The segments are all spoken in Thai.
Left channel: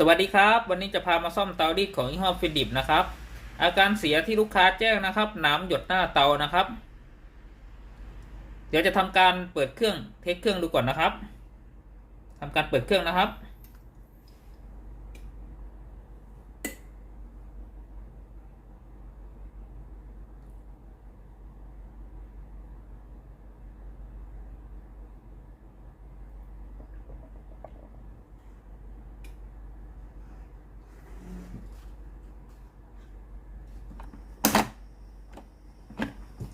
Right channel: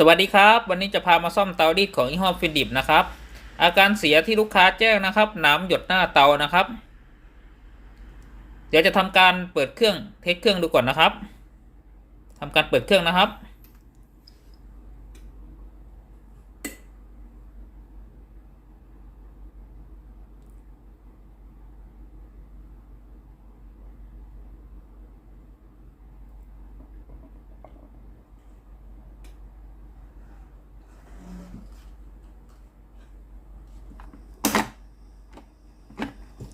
สวัสดีครับวันนี้จะพามาซ่อมเตารีดของยี่ห้อฟิลิปนะครับอาการเสียที่ลูกค้าแจ้งนะครับน้ำหยดหน้าเตานะครับเดี๋ยวจะทำการเปิดเครื่องเทสเครื่องดูก่อนนะครับทำการเปิดเครื่องนะครับ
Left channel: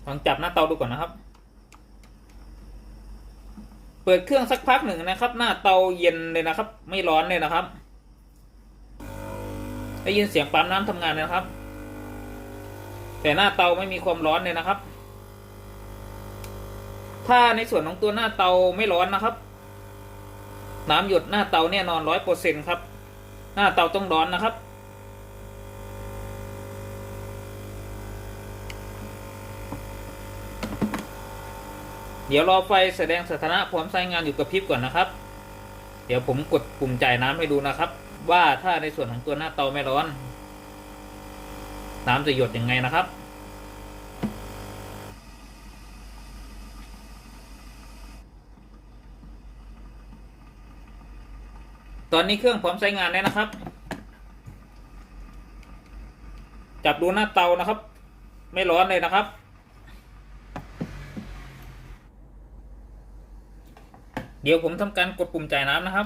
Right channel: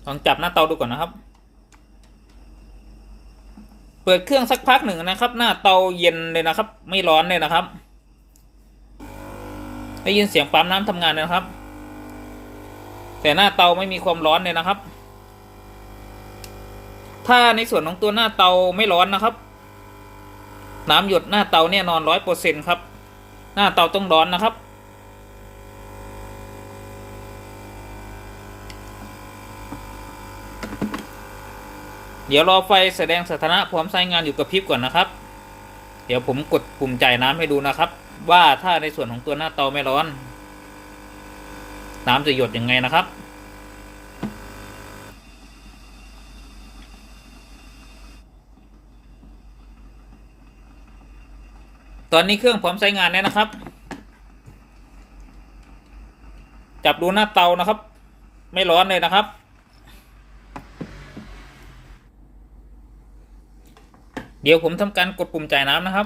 ลองจับหน้าเตาดูก่อนนะครับเปิดเครื่องสักพักหนึ่งนะครับหน้าเตาเย็นเลยนะครับไม่ร้อนเลยนะครับได้ยินเสียงปั๊มน้ำทำงานนะครับแต่หน้าเตาไม่มีความร้อนเลยนะครับถ้าในส่วนของตัวหน้าเตาไม่ร้อนนะครับน้ำหยดหน้าเตาแน่นอน100%ครับหน้าเตาต้องร้อนนะครับเดี๋ยวรอไฟแสดงสถานะพร้อมใช้งานอยู่กับพริบก่อนนะครับเดี๋ยวผมกดปุ่มจ่ายน้ำให้ดูนะครับว่าถ้าในส่วนของตัวหน้าเตาไม่ร้อนน้ำจะหยดยังไงนะครับตอนนี้เครื่องพร้อมใช้งานแล้วนะครับจับดูหน้าเตานะครับไม่ร้อนเลยนะครับเดี๋ยวผมทำการกดปุ่มจ่ายน้ำนะครับ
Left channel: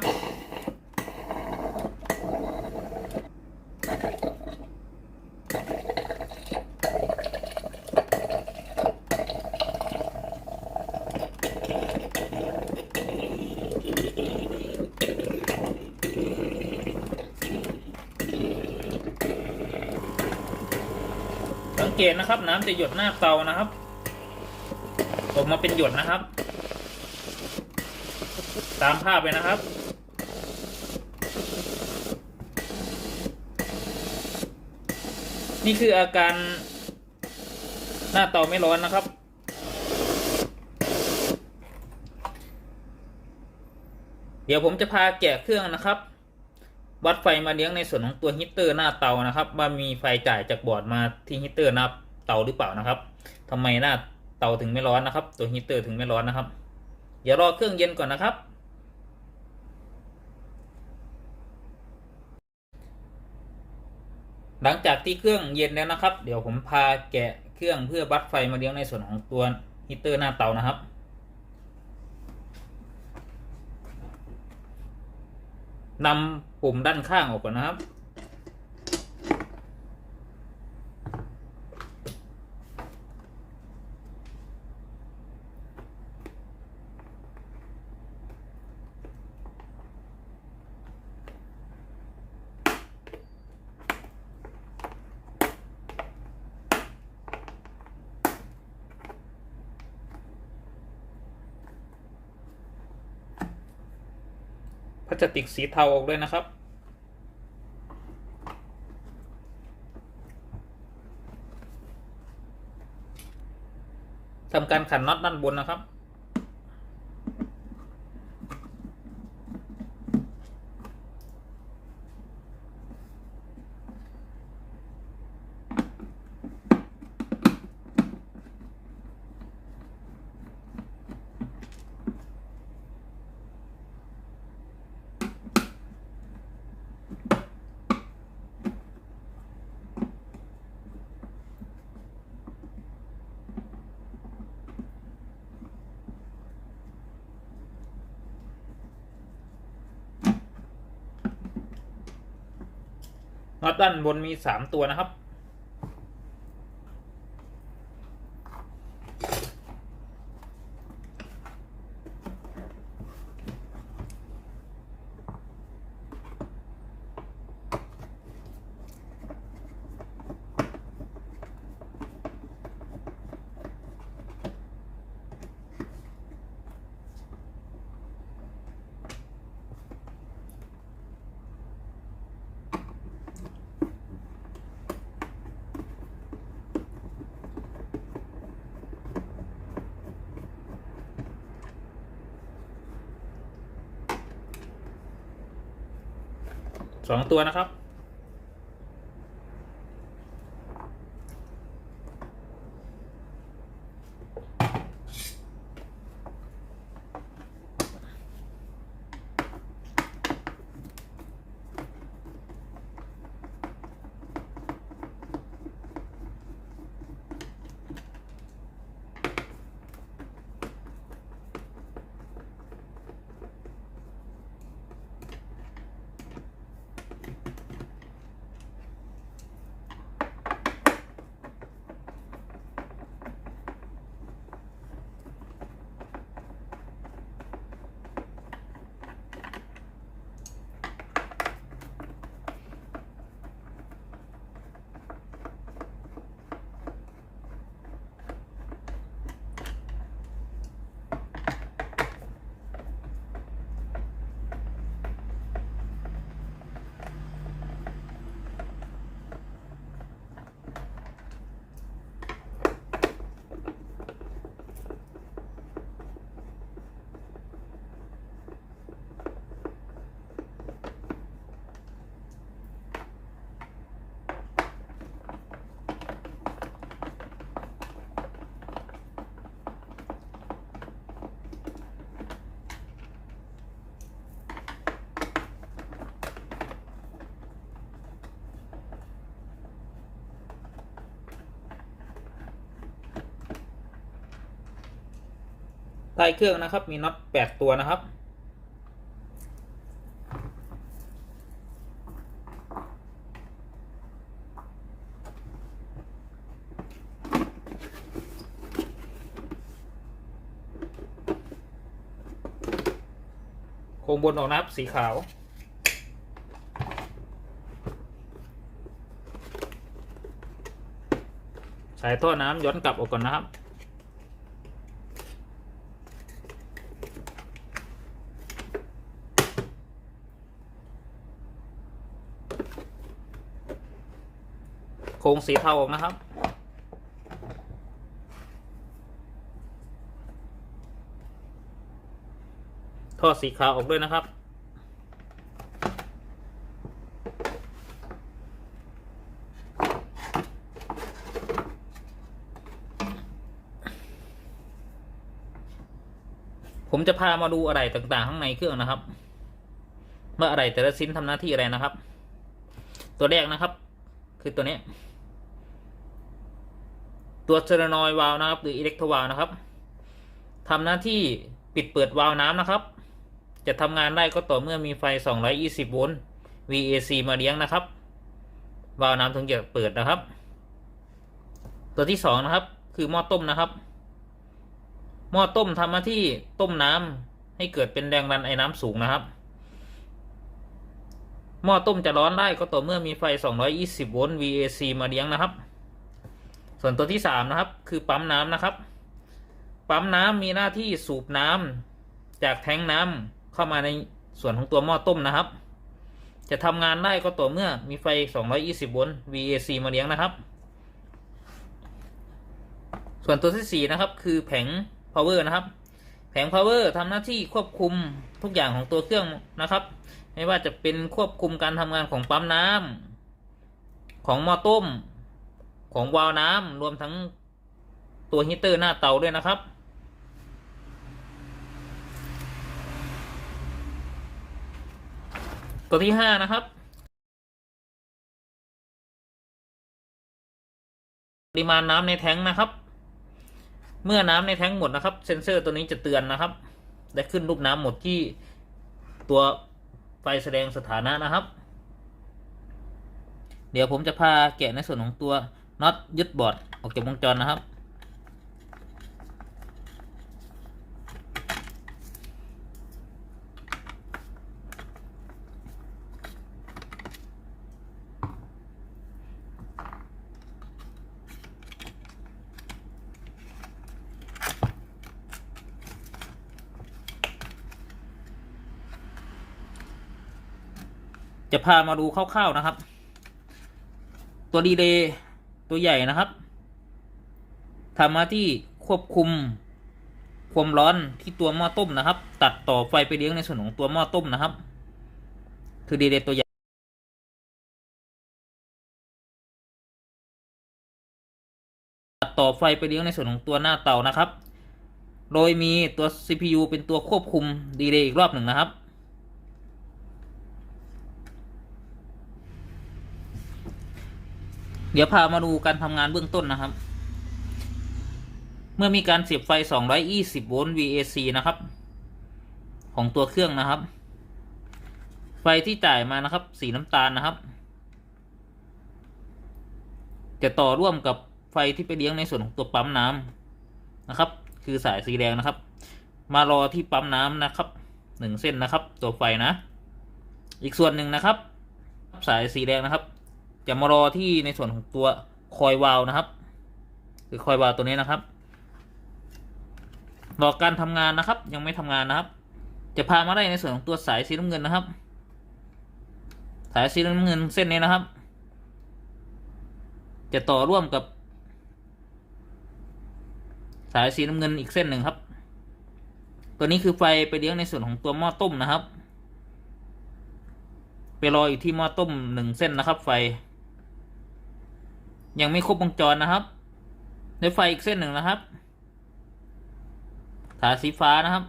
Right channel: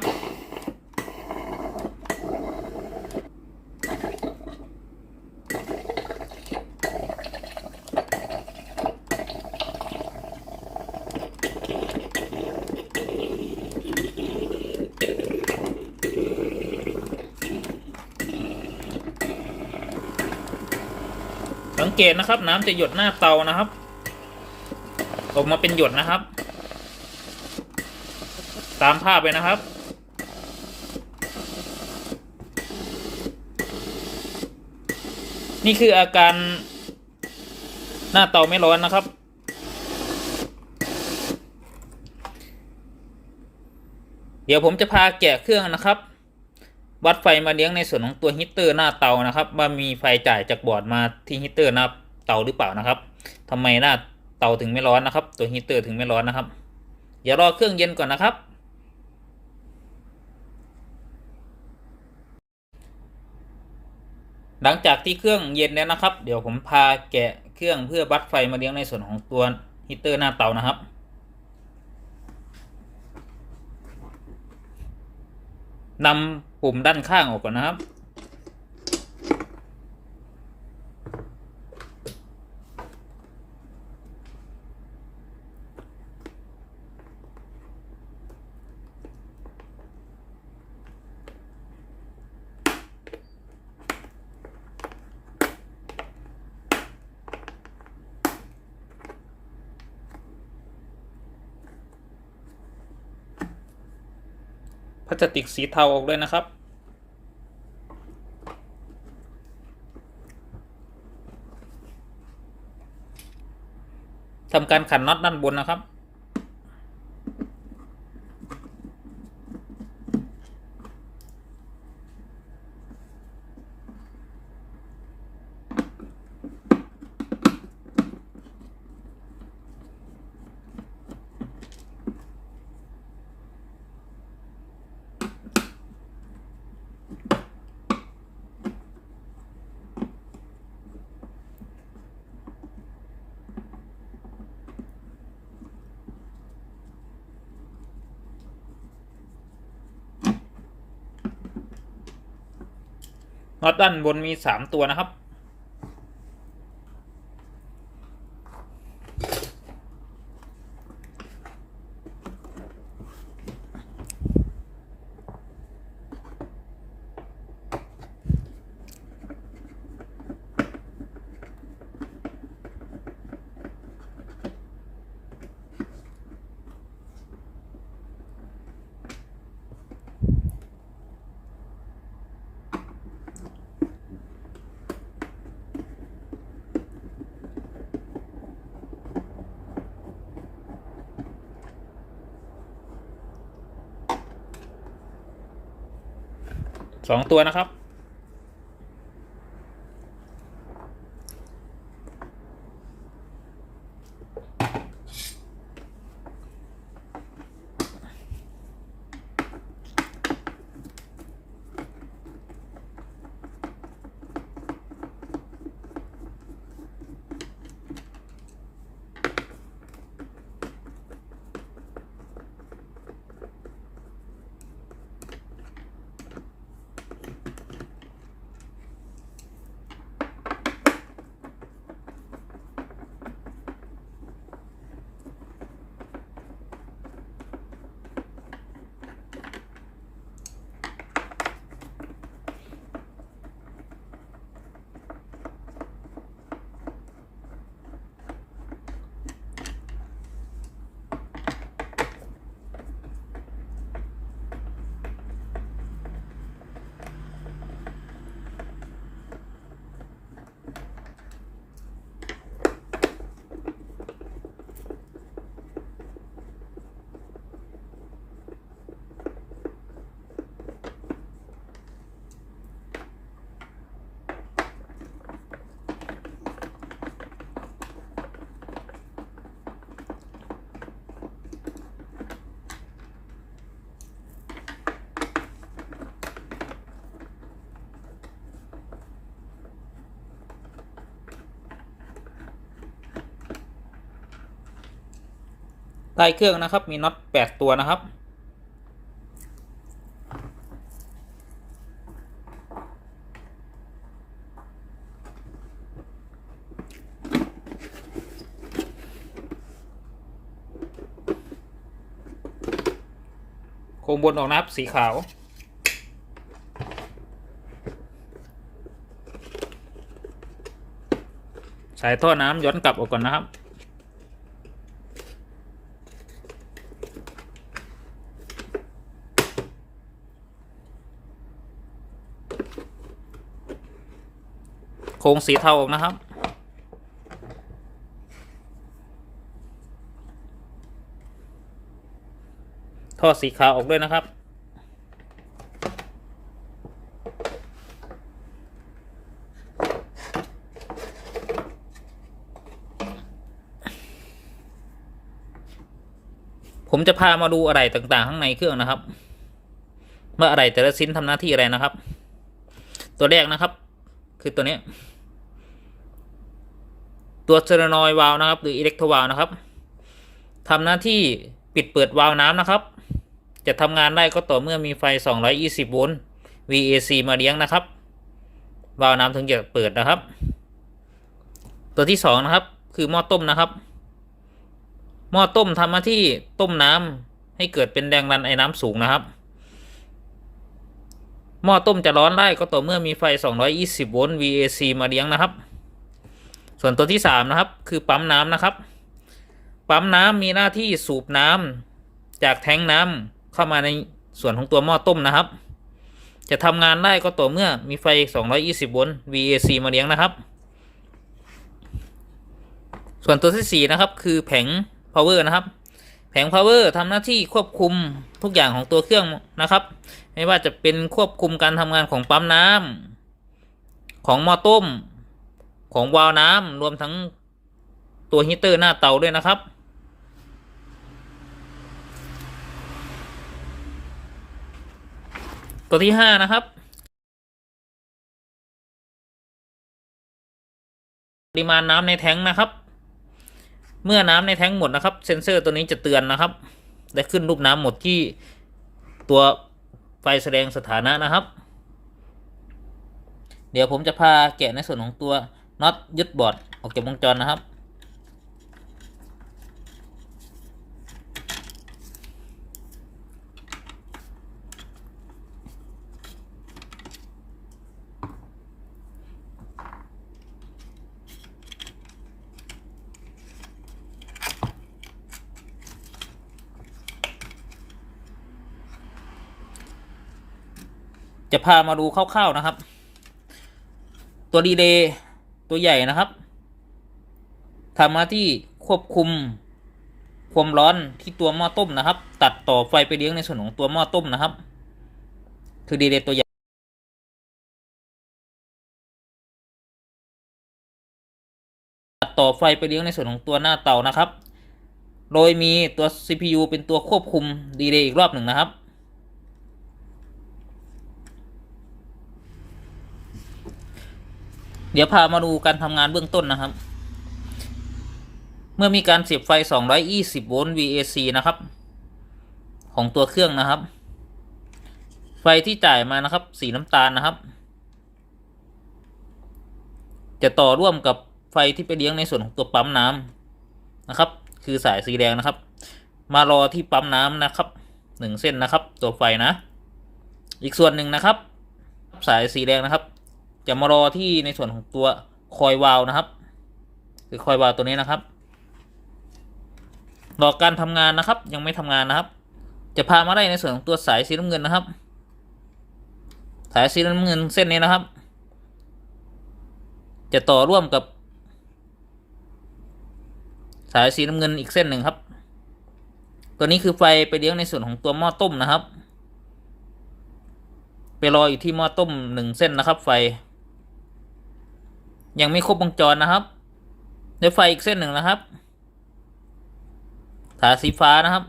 สังเกตนะครับน้ำจะหยดหน้าเตานะครับออกมาเป็นหยดนะครับตามภาพไปนะครับนี่คืออาการหน้าเตาไม่ร้อนนะครับเดี๋ยวผมจะพาแกะเครื่องนะครับวัดไฟมาเลี้ยงในส่วนของตัวฮีตเตอร์หน้าเตานะครับว่ามีไฟจ่ายจากบอร์ดมาที่ฮีตเตอร์หน้าเตาหรือเปล่านะครับทำไมหน้าเตาถึงไม่ร้อนนะครับตัวฮีตเตอร์ถึงไม่ร้อนนะครับเดี๋ยวรอเครื่องเย็นก่อนนะครับหลังจากที่เครื่องเย็นแล้วนะครับเดี๋ยวผมพาแกะเครื่องเพื่อวัดไฟมาเลี้ยงในส่วนของตัวฮีตเตอร์หน้าเตานะครับนำปุ่มด้านข้างออกก่อนนะครับพลาสติกสีเทาออกเลยนะครับทำการขันน็อตด้านบนนะครับน็อตด้านบนมี3 ตัวนะครับ 2 ตัวนะครับใต้เครื่องนะครับมีน็อต8 ตัวนะครับโครงบนออกนะครับสีขาวสายท่อน้ำย้อนกลับออกก่อนนะครับโครงสีเทาออกนะครับท่อสีขาวออกด้วยนะครับผมจะพามาดูอะไรต่างๆข้างในเครื่องนะครับว่าอะไรแต่ละชิ้นทำหน้าที่อะไรนะครับตัวแรกนะครับคือตัวนี้ตัวโซเลนอยด์วาล์วนะครับหรืออิเล็กโทรวาล์วนะครับทำหน้าที่ปิดเปิดวาล์วน้ำนะครับจะทำงานได้ก็ต่อเมื่อมีไฟ220 โวลต์ VAC มาเลี้ยงนะครับวาล์วน้ำถึงจะเปิดนะครับตัวที่2นะครับคือหม้อต้มนะครับหม้อต้มทำหน้าที่ต้มน้ำให้เกิดเป็นแรงดันไอ้น้ำสูงนะครับหม้อต้มจะร้อนได้ก็ต่อเมื่อมีไฟ220 โวลต์ VAC มาเลี้ยงนะครับส่วนตัวที่3นะครับคือปั๊มน้ำนะครับปั๊มน้ำมีหน้าที่สูบน้ำจากแทงน้ำเข้ามาในส่วนของตัวหม้อต้มนะครับจะทำงานได้ก็ต่อเมื่อมีไฟ220 โวลต์ VAC มาเลี้ยงนะครับส่วนตัวที่4นะครับคือแผง power นะครับแผง power ทำหน้าที่ควบคุมทุกอย่างของตัวเครื่องนะครับไม่ว่าจะเป็นควบคุมการทำงานของปั๊มน้ำของหม้อต้มของวาล์วน้ำรวมทั้งตัวฮีเตอร์หน้าเตาด้วยนะครับตัวที่5นะครับปริมาณน้ำในแท้งนะครับเมื่อน้ำในแท้งหมดนะครับเซ็นเซอร์ตัวนี้จะเตือนนะครับและขึ้นรูปน้ำหมดที่ตัวไฟแสดงสถานะนะครับเดี๋ยวผมจะพาแกะในส่วนของตัวน็อตยึดบอร์ดออกจากวงจรนะครับจะพามาดูคร่าวๆนะครับตัวรีเลย์ตัวใหญ่นะครับทำหน้าที่ควบคุมความร้อนที่ตัวหม้อต้มนะครับตัดต่อไฟไปเลี้ยงในส่วนของตัวหม้อต้มนะครับคือรีเลย์ตัวใหญ่ ต่อไฟไปเลี้ยงในส่วนของตัวหน้าเตานะครับ โดยมีตัว CPU เป็นตัวควบคุมดีเลย์อีกรอบหนึ่งนะครับ เดี๋ยวพามาดูการทำงานเบื้องต้นนะครับ เมื่อมีการเสียบไฟ220โวลต์ VAC นะครับของตัวเครื่องนะครับ ไฟที่จ่ายมานะครับสีน้ำตาลนะครับจะต่อร่วมกับไฟที่ไปเลี้ยงในส่วนของตัวปั๊มน้ำนะครับคือสายสีแดงนะครับมารอที่ปั๊มน้ำนะครับ1เส้นนะครับตัวไฟนะอีกส่วนหนึ่งนะครับสายสีแดงนะครับจะมารอที่ในส่วนของตัวคอยวาล์วนะครับคือคอยวาล์วตัวนี้นะครับรอการทำงานนะครับยังไม่ทำงานนะครับจะพามาได้ในส่วนของตัวสายสีน้ำเงินนะครับสายสีน้ำเงินเส้นนี้นะครับจะต่อร่วมกับสายสีน้ำเงินอีกเส้นหนึ่งครับตัวนี้คือไฟไปเลี้ยงในส่วนของตัวหม้อต้มนะครับไปรออยู่ที่หม้อต้ม1เส้นนะครับไฟยังไม่ครบวงจรนะครับในไฟอีกเส้นหนึ่งนะครับสายสีฟ้านะครับ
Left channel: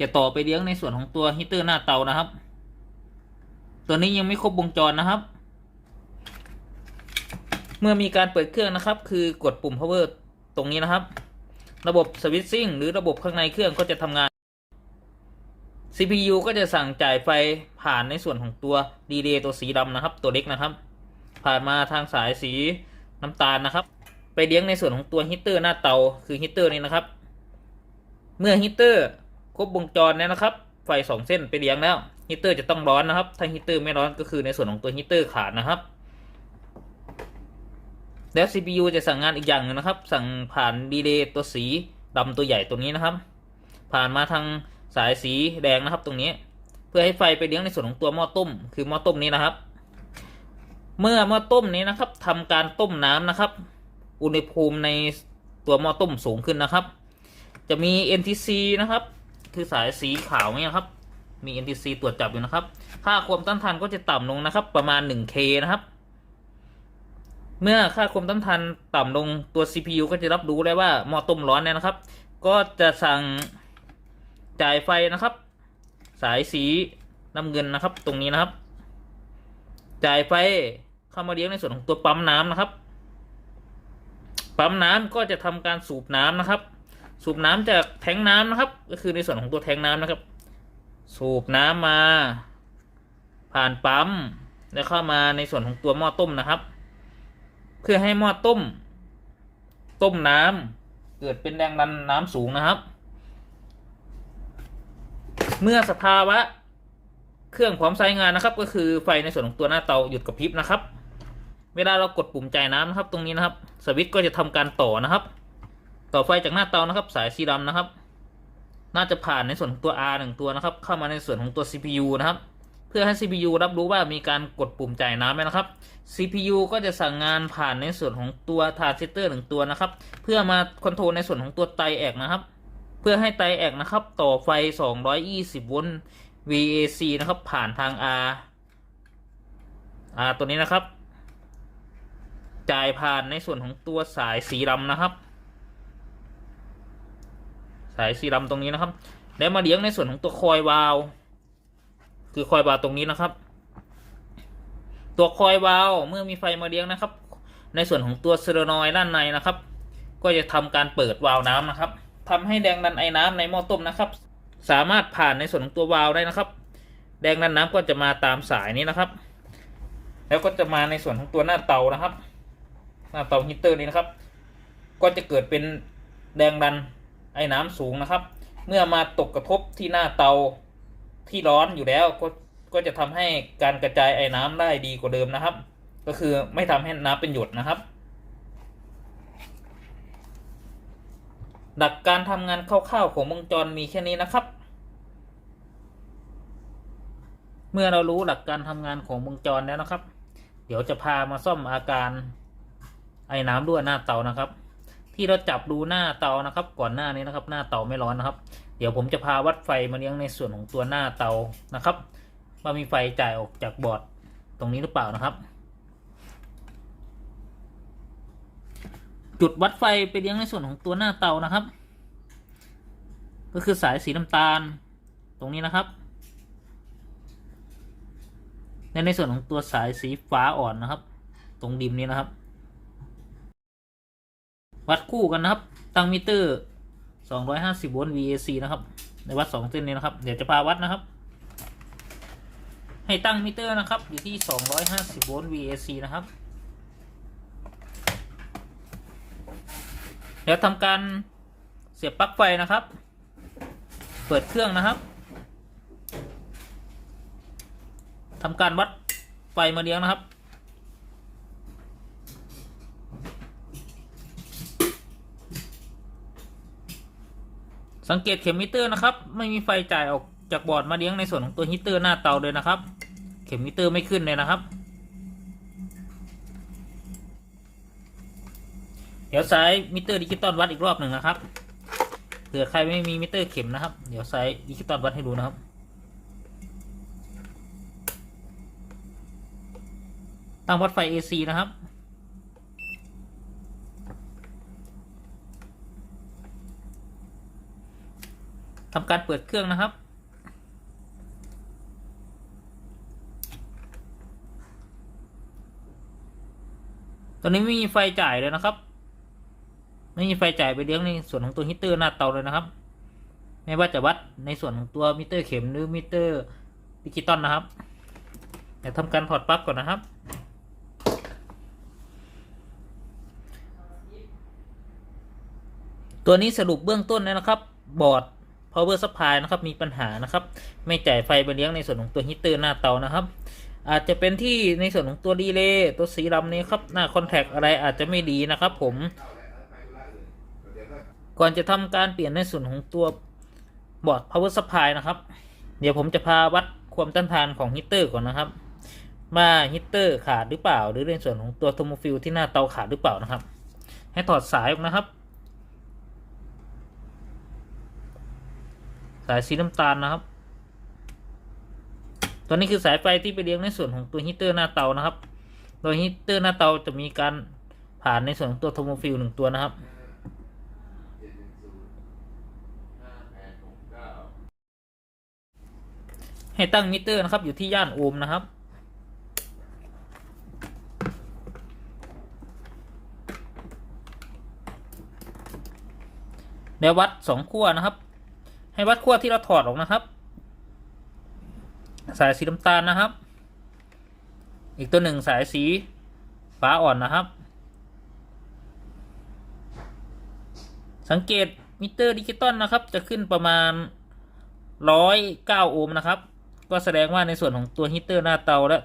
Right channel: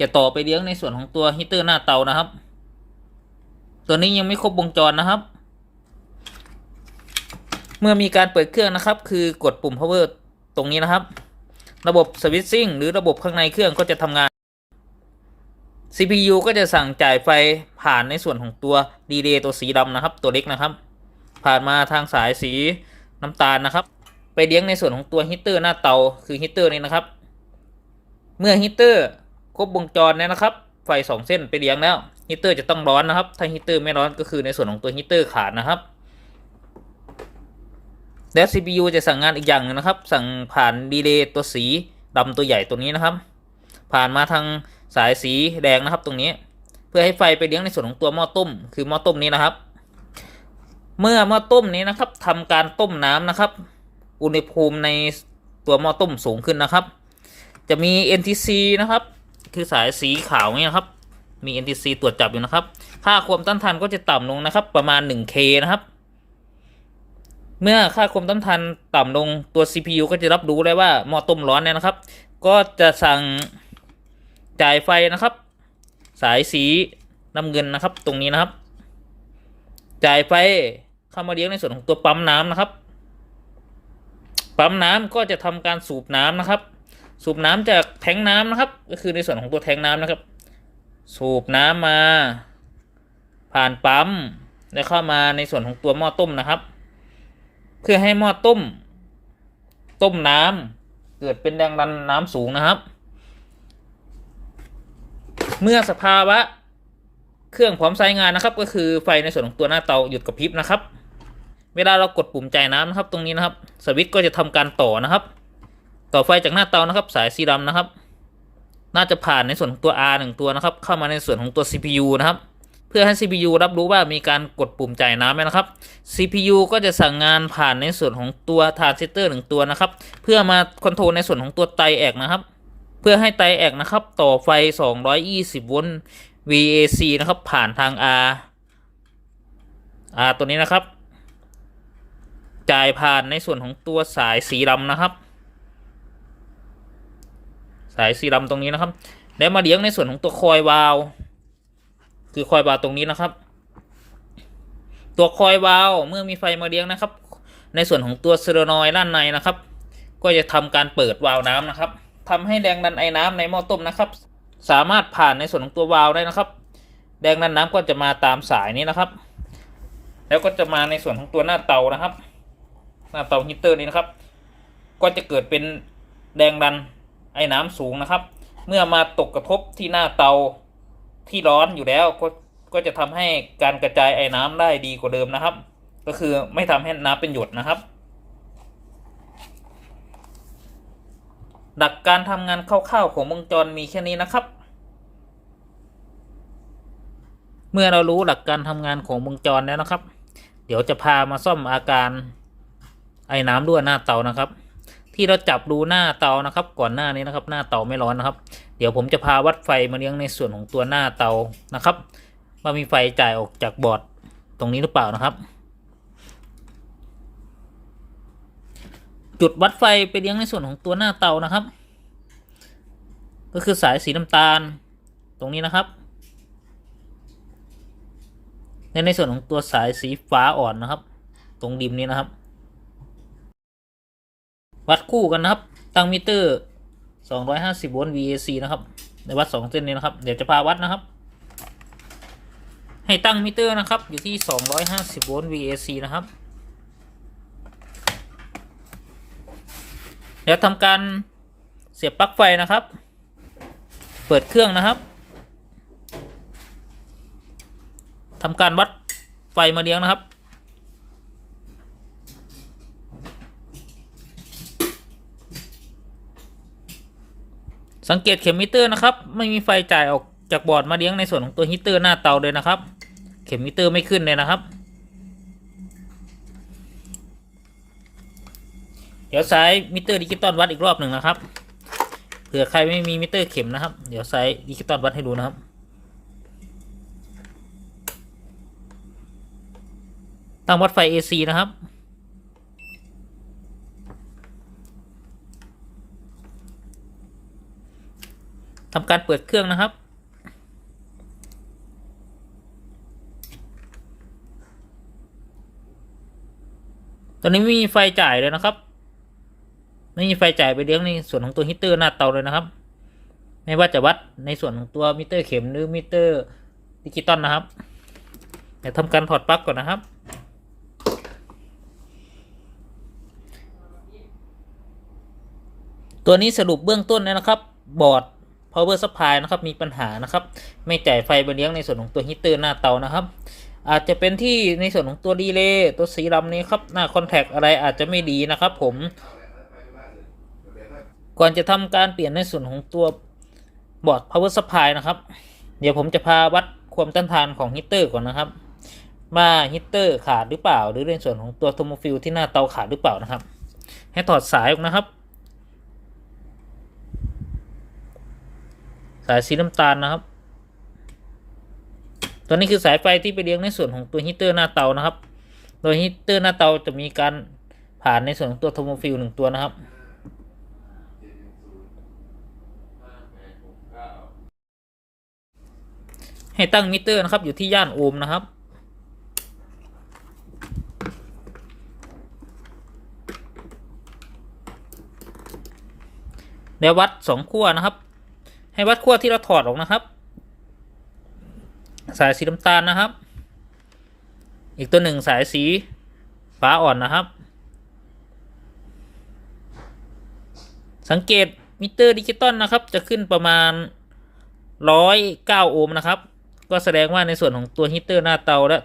จะต่อไปเลี้ยงในส่วนของตัวฮีเตอร์หน้าเตานะครับตัวนี้ยังไม่ครบวงจรนะครับเมื่อมีการเปิดเครื่องนะครับคือกดปุ่ม power ตรงนี้นะครับระบบสวิตชิ่งหรือระบบข้างในเครื่องก็จะทำงาน CPU ก็จะสั่งจ่ายไฟผ่านในส่วนของตัวดีเลย์ตัวสีดำนะครับตัวเล็กนะครับผ่านมาทางสายสีน้ำตาลนะครับไปเลี้ยงในส่วนของตัวฮีเตอร์หน้าเตาคือฮีเตอร์นี้นะครับเมื่อฮีเตอร์ครบวงจรแล้วนะครับไฟ2เส้นไปเลี้ยงแล้วฮีเตอร์จะต้องร้อนนะครับถ้าฮีเตอร์ไม่ร้อนก็คือในส่วนของตัวฮีเตอร์ขาดนะครับและ CPU จะสั่งงานอีกอย่างนึงนะครับสั่งผ่านดีเลย์ตัวสีดำตัวใหญ่ตัวนี้นะครับผ่านมาทางสายสีแดงนะครับตรงนี้เพื่อให้ไฟไปเลี้ยงในส่วนของตัวหม้อต้มคือหม้อต้มนี้นะครับเมื่อหม้อต้มนี้นะครับทำการต้มน้ำนะครับอุณหภูมิในตัวหม้อต้มสูงขึ้นนะครับจะมี NTC นะครับคือสายสีขาวนี้นะครับมี NTC ตรวจจับอยู่นะครับค่าความต้านทานก็จะต่ำลงนะครับประมาณ 1K นะครับเมื่อค่าความต้านทานต่ำลงตัว CPU ก็จะรับรู้ได้ว่าหม้อต้มร้อนเนี่ยนะครับก็จะสั่งจ่ายไฟนะครับสายสีน้ำเงินนะครับตรงนี้นะครับจ่ายไฟเข้ามาเลี้ยงในส่วนของตัวปั๊มน้ำนะครับปั๊มน้ำก็จะทำการสูบน้ำนะครับสูบน้ำจากแทงน้ำนะครับก็คือในส่วนของตัวแทงน้ำนะครับสูบน้ำมาผ่านปั๊มแล้วเข้ามาในส่วนของตัวหม้อต้มนะครับเพื่อให้หม้อต้มน้ำเกิดเป็นแรงดันน้ำสูงนะครับเมื่อสภาวะเครื่องพร้อมใช้งานนะครับก็คือไฟในส่วนของตัวหน้าเตาหยุดกระพริบนะครับเวลาเรากดปุ่มจ่ายน้ำนะครับตรงนี้นะครับสวิตช์ก็จะทำการต่อนะครับต่อไฟจากหน้าเตานะครับสายสีดำนะครับน่าจะผ่านในส่วนของตัว R 1ตัวนะครับเข้ามาในส่วนของตัว CPU นะครับเพื่อให้ CPU รับรู้ว่ามีการกดปุ่มจ่ายน้ำนะครับ CPU ก็จะสั่งงานผ่านในส่วนของตัวทรานซิสเตอร์1ตัวนะครับเพื่อมาคอนโทรลในส่วนของตัวไตแอกนะครับเพื่อให้ไตแอกนะครับต่อไฟ220โวลต์ VAC นะครับผ่านทาง R ตัวนี้นะครับจ่ายผ่านในส่วนของตัวสายสีดำนะครับสายสีดำตรงนี้นะครับแล้วมาเลี้ยงในส่วนของตัวคอยวาล์วคือคอยวาล์วตรงนี้นะครับตัวคอยวาล์วเมื่อมีไฟมาเลี้ยงนะครับในส่วนของตัวโซเลนอยด์ด้านในนะครับก็จะทำการเปิดวาล์วน้ำนะครับทำให้แรงดันไอ้น้ำในหม้อต้มนะครับสามารถผ่านในส่วนของตัววาล์วได้นะครับแรงดันน้ำก็จะมาตามสายนี้นะครับแล้วก็จะมาในส่วนของตัวหน้าเตานะครับหน้าเตาฮีเตอร์นี้นะครับก็จะเกิดเป็นแรงดันไอ้น้ำสูงนะครับเมื่อมาตกกระทบที่หน้าเตาที่ร้อนอยู่แล้วก็จะทำให้การกระจายไอ้น้ำได้ดีกว่าเดิมนะครับก็คือไม่ทำให้น้ำเป็นหยดนะครับหลักการทำงานคร่าวๆของวงจรมีแค่นี้นะครับเมื่อเรารู้หลักการทำงานของวงจรแล้วนะครับเดี๋ยวจะพามาซ่อมอาการไอ้น้ำรั่วหน้าเตานะครับที่เราจับดูหน้าเตานะครับก่อนหน้านี้นะครับหน้าเตาไม่ร้อนนะครับเดี๋ยวผมจะพาวัดไฟมาเลี้ยงในส่วนของตัวหน้าเตานะครับว่ามีไฟจ่ายออกจากบอร์ดตรงนี้หรือเปล่านะครับ จุดวัดไฟไปเลี้ยงในส่วนของตัวหน้าเตานะครับก็คือสายสีน้ำตาลตรงนี้นะครับในส่วนของตัวสายสีฟ้าอ่อนนะครับตรงริมนี้นะครับวัดคู่กันนะครับตั้งมิเตอร์250 โวลต์ VAC นะครับในวัด2เส้นนี้นะครับเดี๋ยวจะพาวัดนะครับให้ตั้งมิเตอร์นะครับอยู่ที่250 โวลต์ VAC นะครับแล้วทำการเสียบปลั๊กไฟนะครับเปิดเครื่องนะครับทำการวัดไฟมาเลี้ยงนะครับสังเกตเข็มมิเตอร์นะครับไม่มีไฟจ่ายออกจากบอร์ดมาเลี้ยงในส่วนของตัวฮีตเตอร์หน้าเตาเลยนะครับเข็มมิเตอร์ไม่ขึ้นเลยนะครับเดี๋ยวใช้มิเตอร์ดิจิตอลวัดอีกรอบหนึ่งนะครับเผื่อใครไม่มีมิเตอร์เข็มนะครับเดี๋ยวใช้ดิจิตอลวัดให้ดูนะครับตั้งวัดไฟ AC นะครับทำการเปิดเครื่องนะครับตอนนี้ไม่มีไฟจ่ายเลยนะครับไม่มีไฟจ่ายไปเลี้ยงในส่วนของตัวฮีตเตอร์หน้าเตาเลยนะครับไม่ว่าจะวัดในส่วนของตัวมิเตอร์เข็มหรือมิเตอร์ดิจิตอลนะครับเดี๋ยวทำการถอดปลั๊กก่อนนะครับตัวนี้สรุปเบื้องต้นนะครับบอร์ด power supply นะครับมีปัญหานะครับไม่จ่ายไฟไปเลี้ยงในส่วนของตัวฮีตเตอร์หน้าเตานะครับอาจจะเป็นที่ในส่วนของตัวรีเลย์ตัวสีดำนี้ครับหน้าคอนแทคอะไรอาจจะไม่ดีนะครับผมก่อนจะทำการเปลี่ยนในส่วนของตัวบอร์ด power supply นะครับเดี๋ยวผมจะพาวัดความต้านทานของฮีตเตอร์ก่อนนะครับว่าฮีตเตอร์ขาดหรือเปล่าหรือในส่วนของตัวโทโมฟิลที่หน้าเตาขาดหรือเปล่านะครับให้ถอดสายออกนะครับสายสีน้ำตาลนะครับตัวนี้คือสายไฟที่ไปเลี้ยงในส่วนของตัวฮีตเตอร์หน้าเตานะครับโดยฮีตเตอร์หน้าเตาจะมีการผ่านในส่วนของตัวโทโมฟิล1 ตัวนะครับให้ตั้งมิเตอร์นะครับอยู่ที่ย่านโอห์มนะครับแล้ววัด2 ขั้วนะครับให้วัดขั้วที่เราถอดออกนะครับสายสีน้ำตาลนะครับอีกตัวหนึ่งสายสีฟ้าอ่อนนะครับสังเกตมิเตอร์ดิจิตอลนะครับจะขึ้นประมาณ109 โอห์มนะครับก็แสดงว่าในส่วนของตัวฮีตเตอร์หน้าเตาและ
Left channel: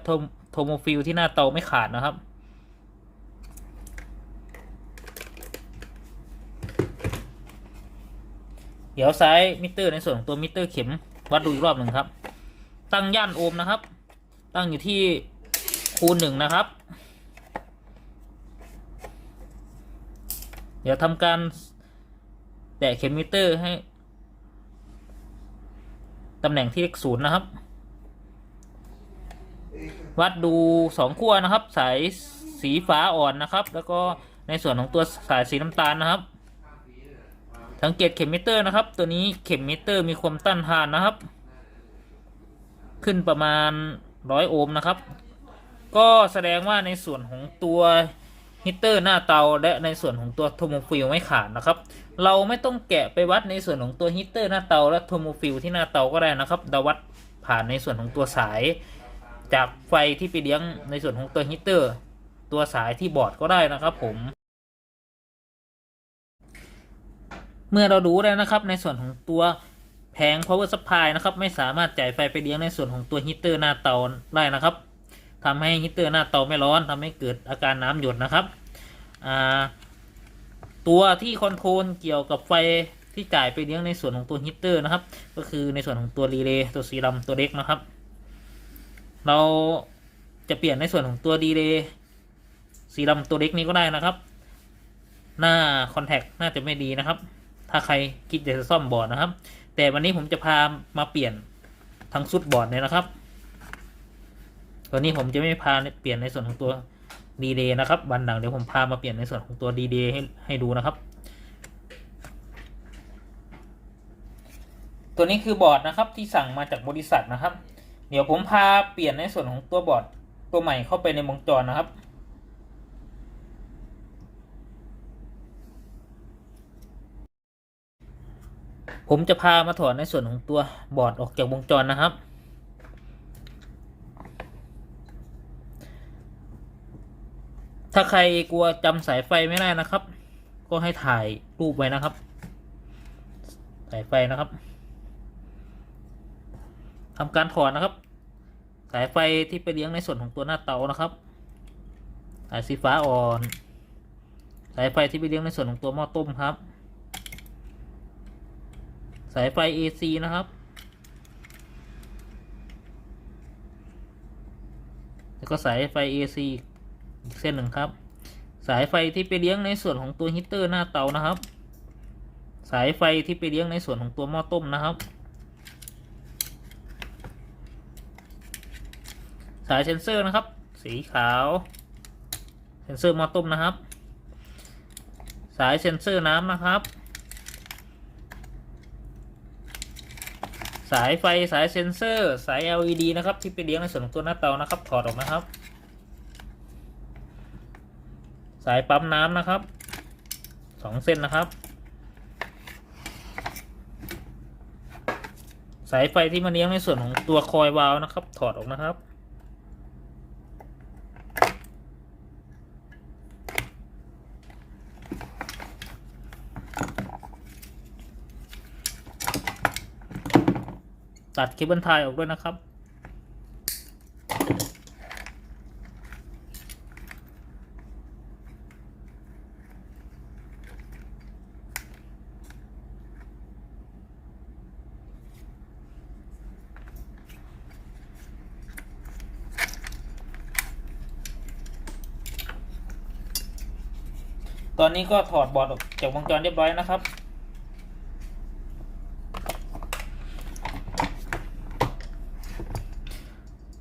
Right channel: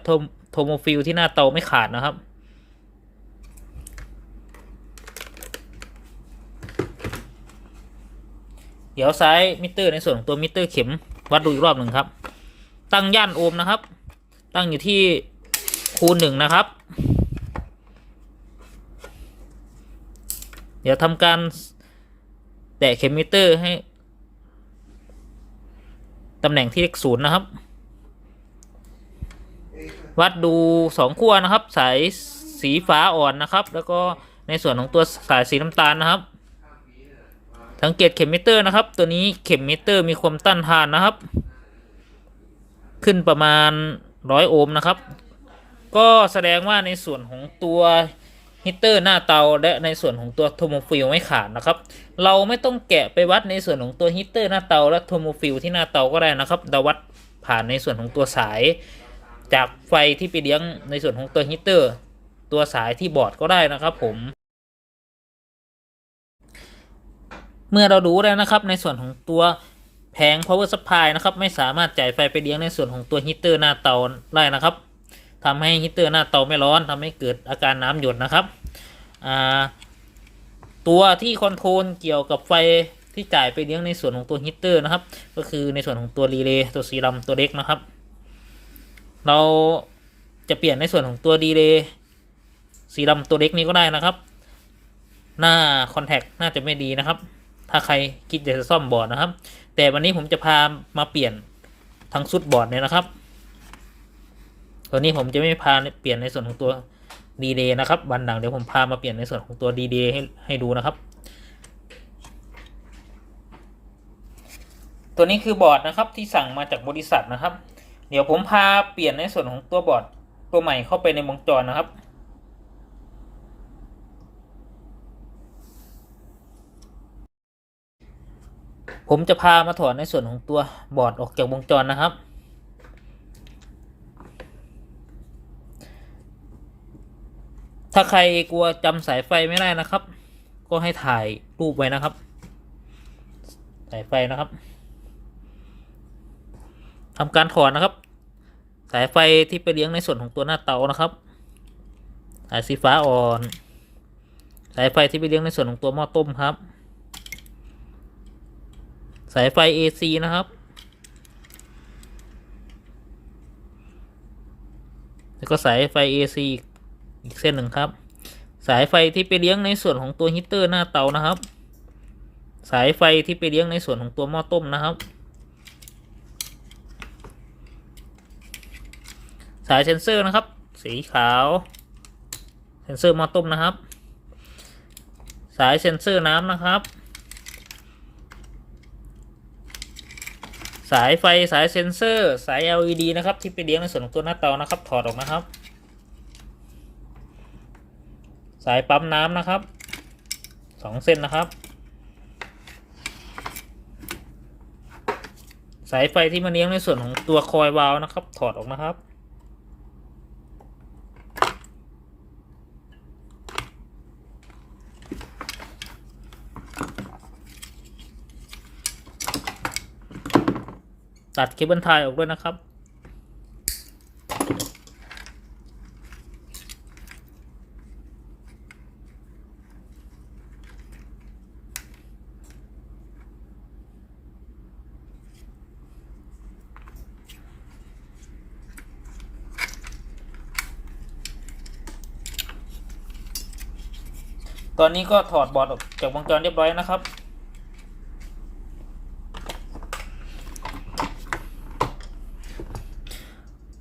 โทโมฟิลที่หน้าเตาไม่ขาดนะครับเดี๋ยวใช้มิเตอร์ในส่วนของตัวมิเตอร์เข็มวัดดูอีกรอบหนึ่งครับตั้งย่านโอห์มนะครับตั้งอยู่ที่คูณ 1นะครับเดี๋ยวทำการแตะเข็มมิเตอร์ให้ตำแหน่งที่เลข 0นะครับวัดดู2 ขั้วนะครับสายสีฟ้าอ่อนนะครับแล้วก็ในส่วนของตัวสายสีน้ำตาลนะครับสังเกตเข็มมิเตอร์นะครับตัวนี้เข็มมิเตอร์มีความต้านทานนะครับขึ้นประมาณ100 โอห์มนะครับก็แสดงว่าในส่วนของตัวฮีตเตอร์หน้าเตาและในส่วนของตัวโทโมฟิลไม่ขาดนะครับเราไม่ต้องแกะไปวัดในส่วนของตัวฮีตเตอร์หน้าเตาและโทโมฟิลที่หน้าเตาก็ได้นะครับเราวัดผ่านในส่วนของตัวสายจากไฟที่ไปเลี้ยงในส่วนของตัวฮีตเตอร์ตัวสายที่บอร์ดก็ได้นะครับผมเมื่อเรารู้แล้วนะครับในส่วนของตัวแผง power supply นะครับไม่สามารถจ่ายไฟไปเลี้ยงในส่วนของตัวฮีตเตอร์หน้าเตาได้นะครับทำให้ฮีตเตอร์หน้าเตาไม่ร้อนทำให้เกิดอาการน้ำหยดนะครับตัวที่คอนโทรลเกี่ยวกับไฟที่จ่ายไปเลี้ยงในส่วนของตัวฮีตเตอร์นะครับก็คือในส่วนของตัวรีเลย์ตัวสีดำตัวเล็กนะครับเราจะเปลี่ยนในส่วนของตัวรีเลย์สีดำตัวเล็กนี้ก็ได้นะครับหน้าคอนแทคน่าจะไม่ดีนะครับถ้าใครคิดจะซ่อมบอร์ดนะครับแต่วันนี้ผมจะพามาเปลี่ยนทั้งชุดบอร์ดเนี่ยนะครับตัวนี้ผมจะไม่พาเปลี่ยนในส่วนของตัว ดีเลย์นะครับวันหลังเดี๋ยวผมพามาเปลี่ยนในส่วนของตัวดีเลย์ให้ดูนะครับตัวนี้คือบอร์ดนะครับที่สั่งมาจากบริษัทนะครับเดี๋ยวผมพาเปลี่ยนในส่วนของตัวบอร์ดตัวใหม่เข้าไปในวงจรนะครับผมจะพามาถอดในส่วนของตัวบอร์ดออกจากวงจรนะครับถ้าใครกลัวจำสายไฟไม่ได้นะครับก็ให้ถ่ายรูปไว้นะครับสายไฟนะครับทำการถอดนะครับสายไฟที่ไปเลี้ยงในส่วนของตัวหน้าเตานะครับสายสีฟ้าอ่อนสายไฟที่ไปเลี้ยงในส่วนของตัวหม้อต้มครับสายไฟ AC นะครับแล้วก็สายไฟ AC อีกเส้นหนึ่งครับสายไฟที่ไปเลี้ยงในส่วนของตัวฮีตเตอร์หน้าเตานะครับสายไฟที่ไปเลี้ยงในส่วนของตัวหม้อต้มนะครับสายเซ็นเซอร์นะครับสีขาวเซ็นเซอร์หม้อต้มนะครับสายเซ็นเซอร์น้ำนะครับสายไฟสายเซ็นเซอร์สาย LED นะครับที่ไปเลี้ยงในส่วนของตัวหน้าเตานะครับถอดออกนะครับสายปั๊มน้ำนะครับ2 เส้นนะครับสายไฟที่มาเลี้ยงในส่วนของตัวคอยวาล์วนะครับถอดออกนะครับตัดเคเบิลไทยออกด้วยนะครับตอนนี้ก็ถอดบอร์ดออกจากวงจรเรียบร้อยนะครับ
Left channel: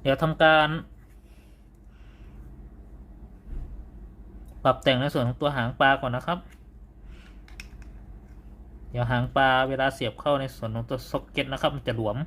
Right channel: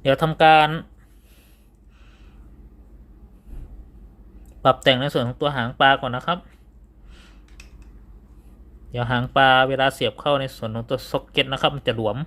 เดี๋ยวทำการปรับแต่งในส่วนของตัวหางปลาก่อนนะครับเดี๋ยวหางปลาเวลาเสียบเข้าในส่วนของตัวซ็อกเก็ตนะครับมันจะหลวม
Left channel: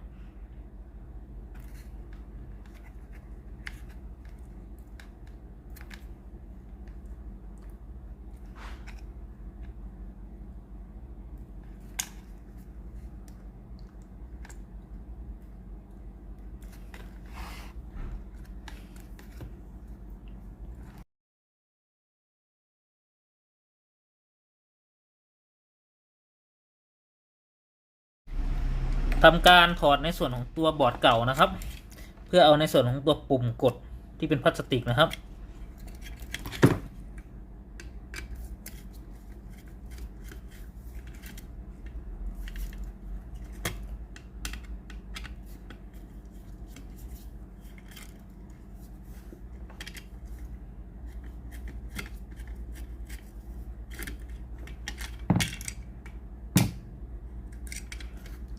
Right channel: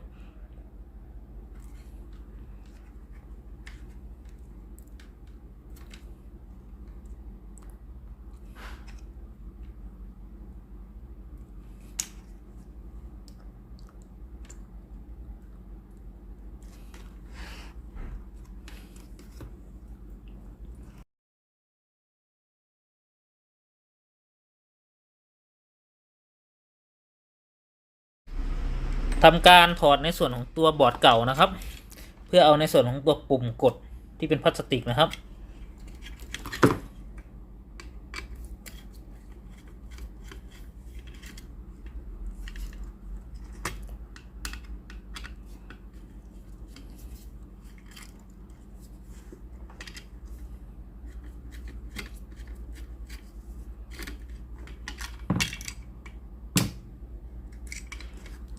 ทำการถอดในส่วนของตัวบอร์ดเก่านะครับเพื่อเอาในส่วนของตัวปุ่มกดที่เป็นพลาสติกนะครับ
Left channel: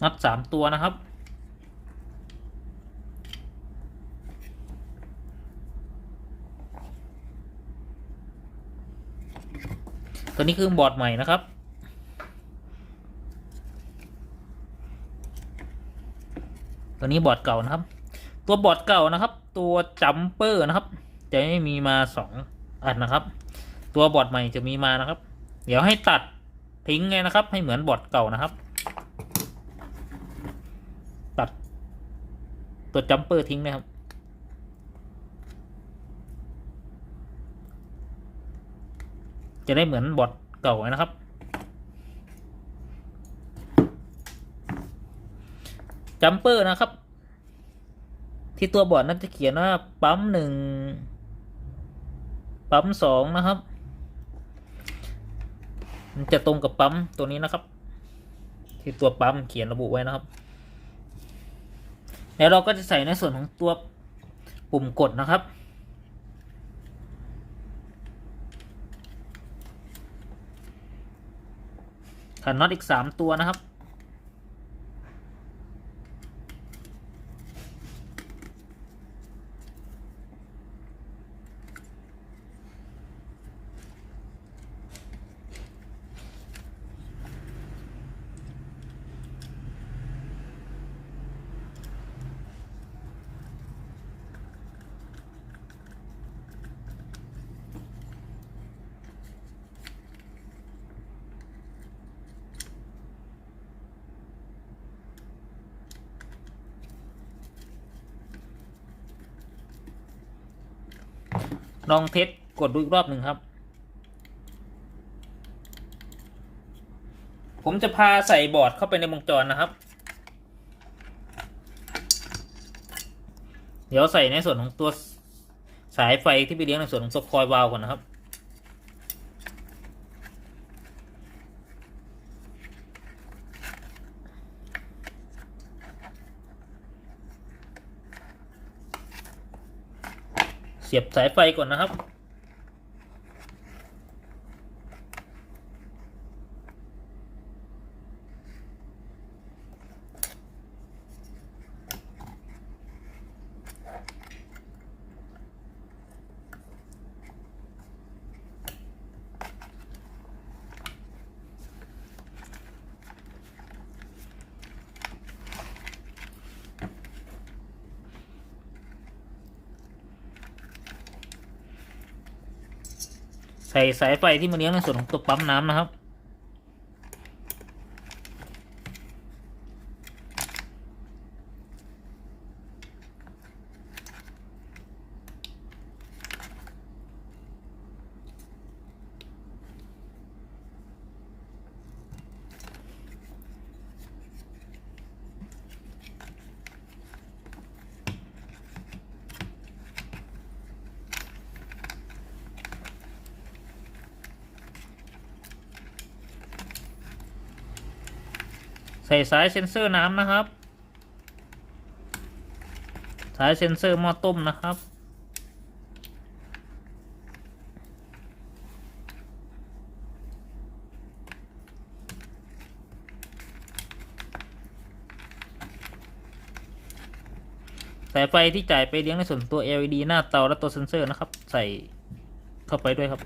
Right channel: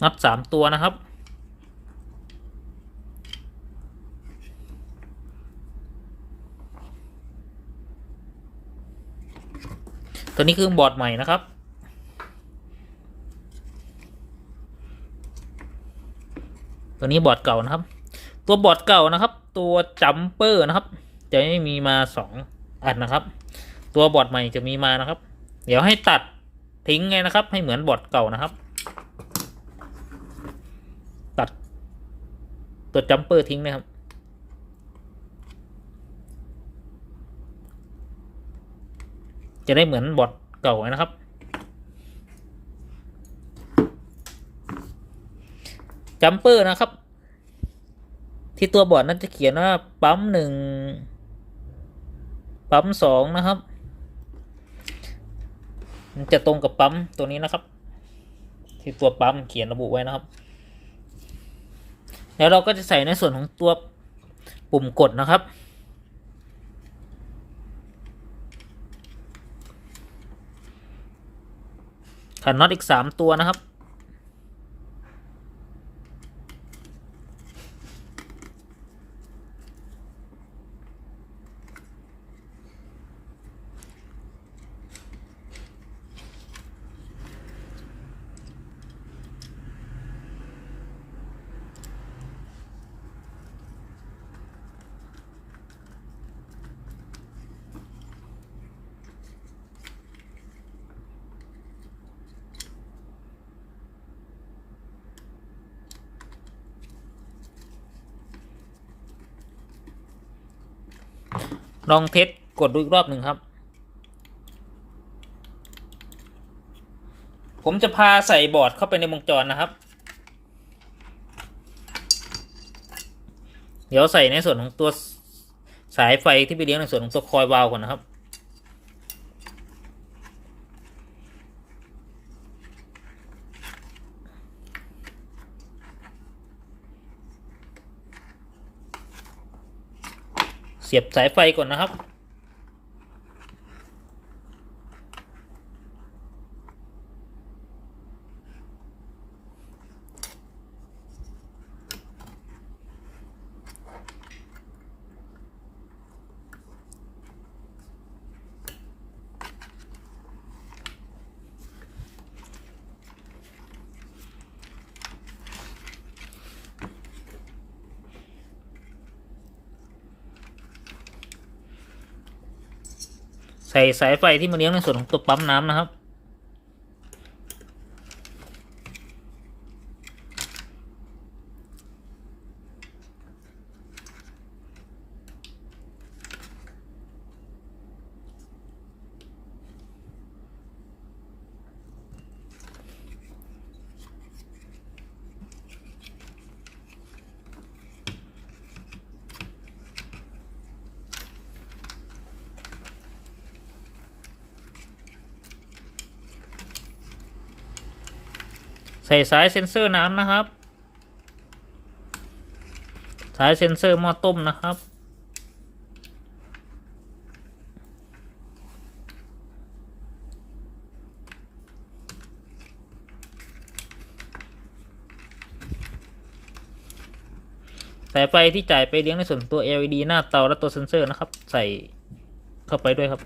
น็อต3 ตัวนะครับตัวนี้คือบอร์ดใหม่นะครับตัวนี้บอร์ดเก่านะครับตัวบอร์ดเก่านะครับตัวจัมเปอร์นะครับจะไม่มีมา2 อันนะครับตัวบอร์ดใหม่จะมีมานะครับเดี๋ยวให้ตัดทิ้งไงนะครับให้เหมือนบอร์ดเก่านะครับตัดตัวจัมเปอร์ทิ้งนะครับจะได้เหมือนบอร์ดเก่านะครับจัมเปอร์นะครับที่ตัวบอร์ดนั้นจะเขียนว่าปั๊ม1ปั๊ม2นะครับมันจะตรงกับปั๊มตัวนี้นะครับที่ตัวปั๊มเขียนระบุไว้นะครับแล้วเราก็จะใส่ในส่วนของตัวปุ่มกดนะครับขันน็อตอีก3 ตัวนะครับ ลองเทสกดดูอีกรอบหนึ่งครับผมจะพาใส่บอร์ดเข้าไปในวงจรนะครับเดี๋ยวใส่ในส่วนของตัวสายไฟที่ไปเลี้ยงในส่วนของตัวคอยวาล์วก่อนนะครับเสียบสายไฟก่อนนะครับใส่สายไฟที่มาเลี้ยงในส่วนของตัวปั๊มน้ำนะครับใส่สายเซ็นเซอร์น้ำนะครับสายเซ็นเซอร์หม้อต้มนะครับสายไฟที่จ่ายไปเลี้ยงในส่วนตัว LED หน้าเตาและตัวเซ็นเซอร์นะครับใส่เข้าไปด้วยครับ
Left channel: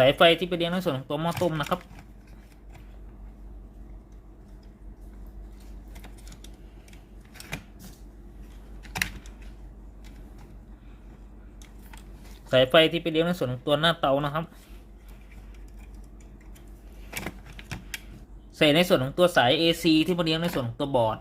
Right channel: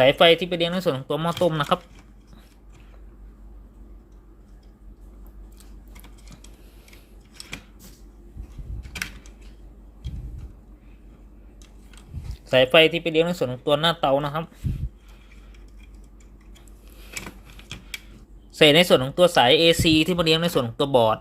สายไฟที่ไปเลี้ยงในส่วนของตัวหม้อต้มนะครับสายไฟที่ไปเลี้ยงในส่วนของตัวหน้าเตานะครับใส่ในส่วนของตัวสาย AC ที่มาเลี้ยงในส่วนของตัวบอร์ด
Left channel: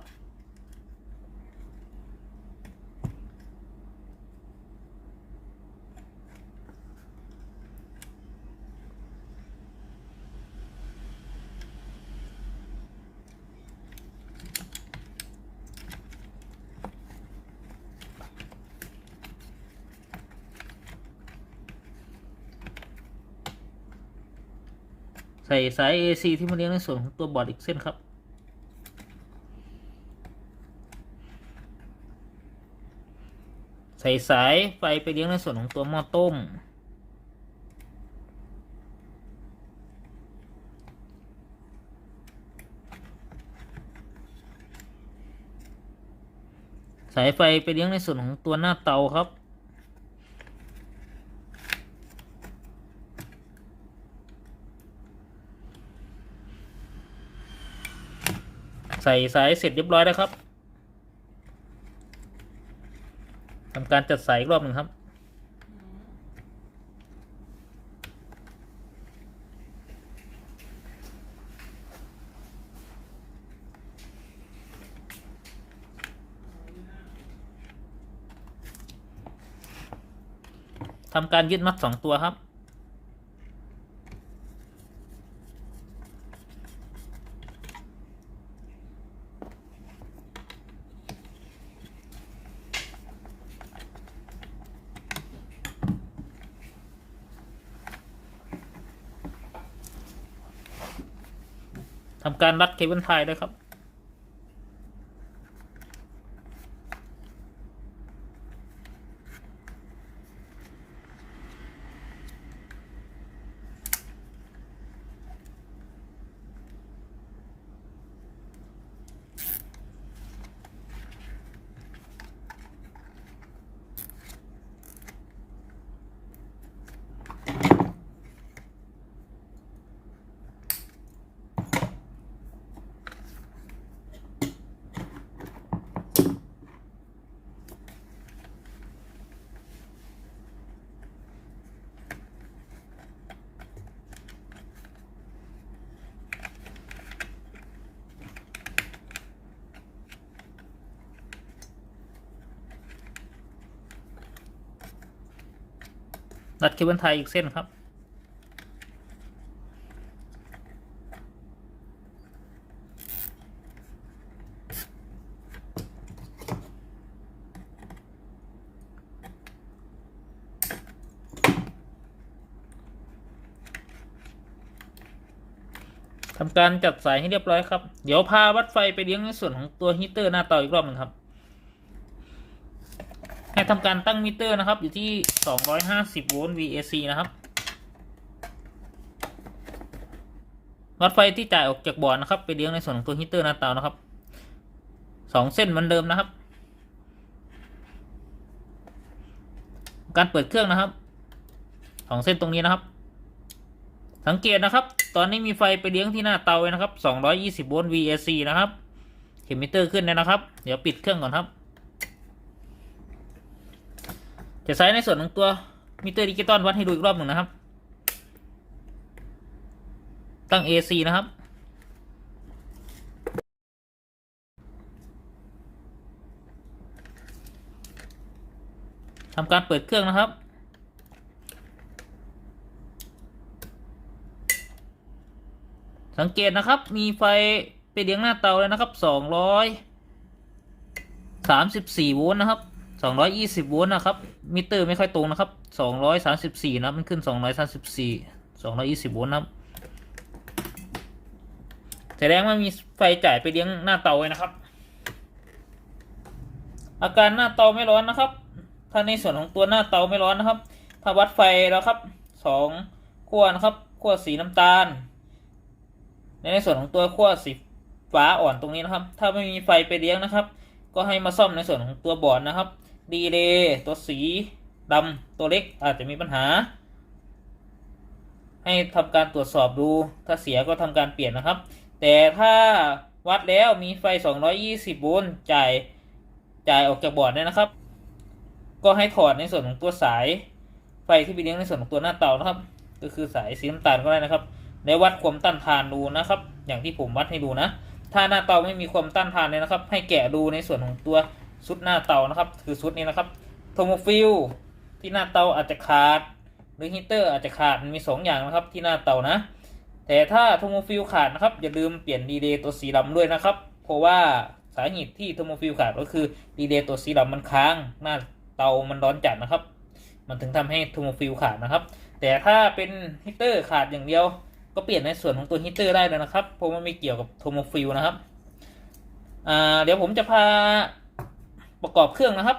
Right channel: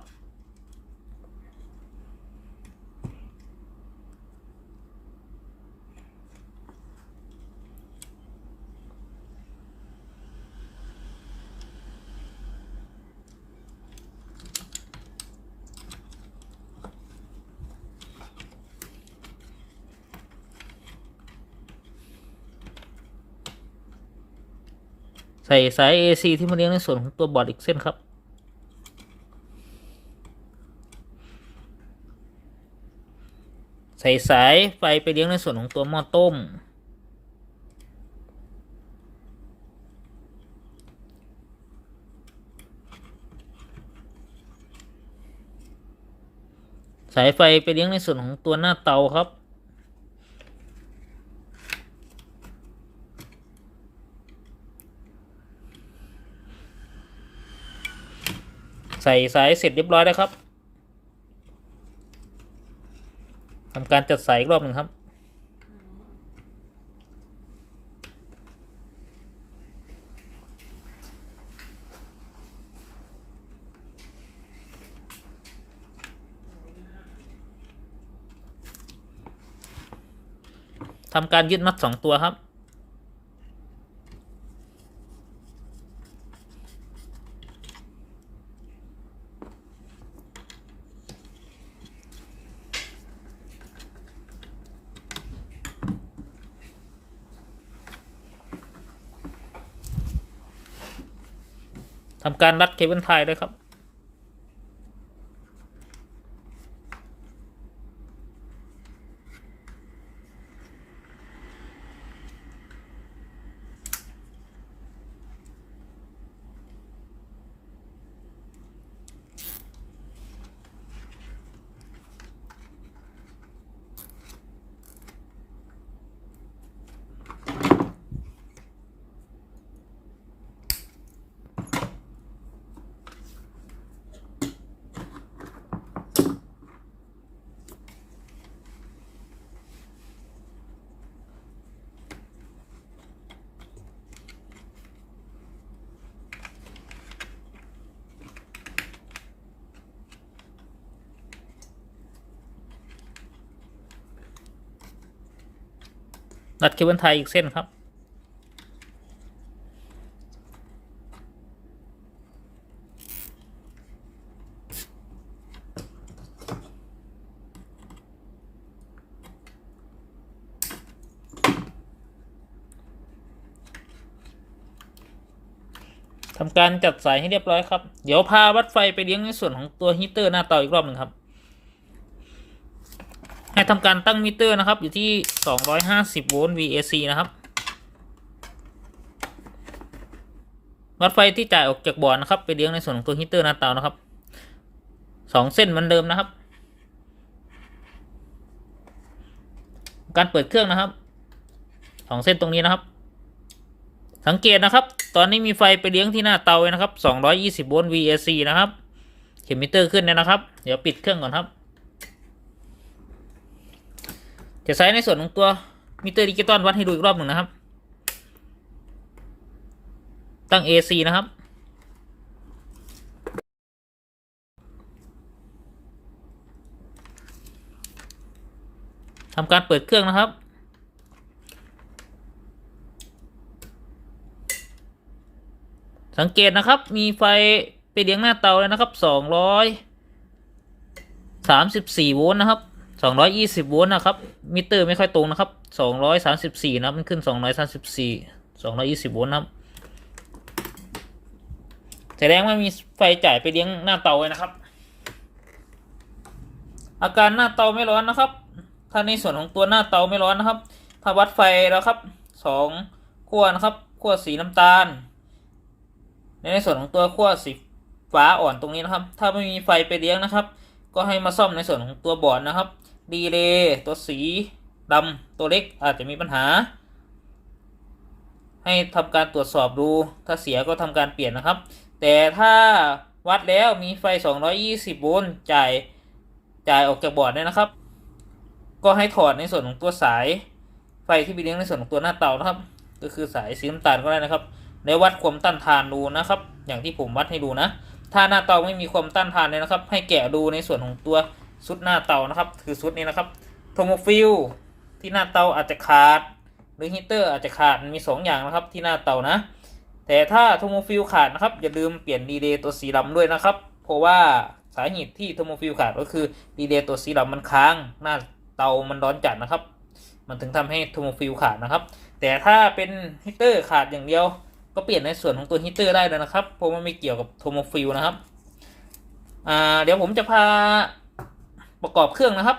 ใส่สาย AC ที่มาเลี้ยงในส่วนของตัวบอร์ดอีกเส้นครับใส่สายไฟไปเลี้ยงในส่วนของตัวหม้อต้มสายไฟไปเลี้ยงในส่วนของตัวหน้าเตาครับใส่สายเสร็จเรียบร้อยแล้วครับทำการจัดสายอีกรอบหนึ่งครับทำการยึดน็อต2 ตัวครับทำการรัดเคเบิลไทยเลยครับ รัดเคเบิลไทยอีกเส้นครับทำการจัดสายให้เรียบร้อยครับเดี๋ยวพาวัดไฟไปเลี้ยงในส่วนของตัวฮีเตอร์หน้าเตาอีกรอบหนึ่งครับให้ทำการตั้งมิเตอร์นะครับอยู่ที่250โวลต์ VAC นะครับวัดไฟที่จ่ายออกจากบอร์ดนะครับไปเลี้ยงในส่วนของตัวฮีเตอร์หน้าเตานะครับ2 เส้นเหมือนเดิมนะครับการเปิดเครื่องนะครับ2 เส้นตรงนี้นะครับสังเกตนะครับตอนนี้มีไฟไปเลี้ยงที่หน้าเตาเลยนะครับ220โวลต์ VAC นะครับเข็มมิเตอร์ขึ้นแล้วนะครับเดี๋ยวปิดเครื่องก่อนครับจะใช้ในส่วนของตัวมิเตอร์ดิจิตอลวัดให้ดูอีกรอบหนึ่งนะครับตั้ง AC นะครับทำการเปิดเครื่องนะครับสังเกตนะครับมีไฟไปเลี้ยงหน้าเตาแล้วนะครับ234โวลต์นะครับ220โวลต์นะครับมิเตอร์ไม่ค่อยตรงนะครับ234นะมันขึ้น220โวลต์นะครับแสดงว่ามีไฟจ่ายไปเลี้ยงหน้าเตาไว้นะครับอาการหน้าเตาไม่ร้อนนะครับถ้าในส่วนของตัวหน้าเตาไม่ร้อนนะครับถ้าวัดไฟแล้วครับ2 ขั้วนะครับขั้วสีน้ำตาลในส่วนของตัวขั้วสีฟ้าอ่อนตรงนี้นะครับถ้าไม่มีไฟไปเลี้ยงนะครับก็ให้มาซ่อมในส่วนของตัวบอร์ดนะครับดีเลย์ตัวสีดำตัวเล็กอาจจะมีปัญหาให้ทำการตรวจสอบดูถ้าเสียก็ทำการเปลี่ยนนะครับแต่ถ้าวัดแล้วมีไฟ220โวลต์จ่ายออกจากบอร์ดเนี่ยนะครับก็ให้ถอดในส่วนของตัวสายไฟที่ไปเลี้ยงในส่วนของตัวหน้าเตานะครับก็คือสายสีน้ำตาลก็ได้นะครับแล้ววัดความต้านทานดูนะครับอย่างที่ผมวัดให้ดูนะถ้าหน้าเตาไม่มีความต้านทานเลยนะครับให้แกะดูในส่วนของตัวซุดหน้าเตานะครับคือซุดนี้นะครับโทโมฟิลที่หน้าเตาอาจจะขาดหรือฮีเตอร์อาจจะขาดมี2 อย่างนะครับที่หน้าเตานะแต่ถ้าโทโมฟิลขาดนะครับอย่าลืมเปลี่ยนดีเลย์ตัวสีดำด้วยนะครับเพราะว่าสาเหตุที่โทโมฟิลขาดก็คือดีเลย์ตัวสีดำมันค้างหน้าเตามันร้อนจัดนะครับมันถึงทำให้โทโมฟิลขาดนะครับแต่ถ้าเป็นฮีเตอร์ขาดอย่างเดียวก็เปลี่ยนในส่วนของตัวฮีเตอร์ได้เลยนะครับเพราะมันไม่เกี่ยวกับโทโมฟิลนะครับเดี๋ยวผมจะพาประกอบเครื่องนะครับ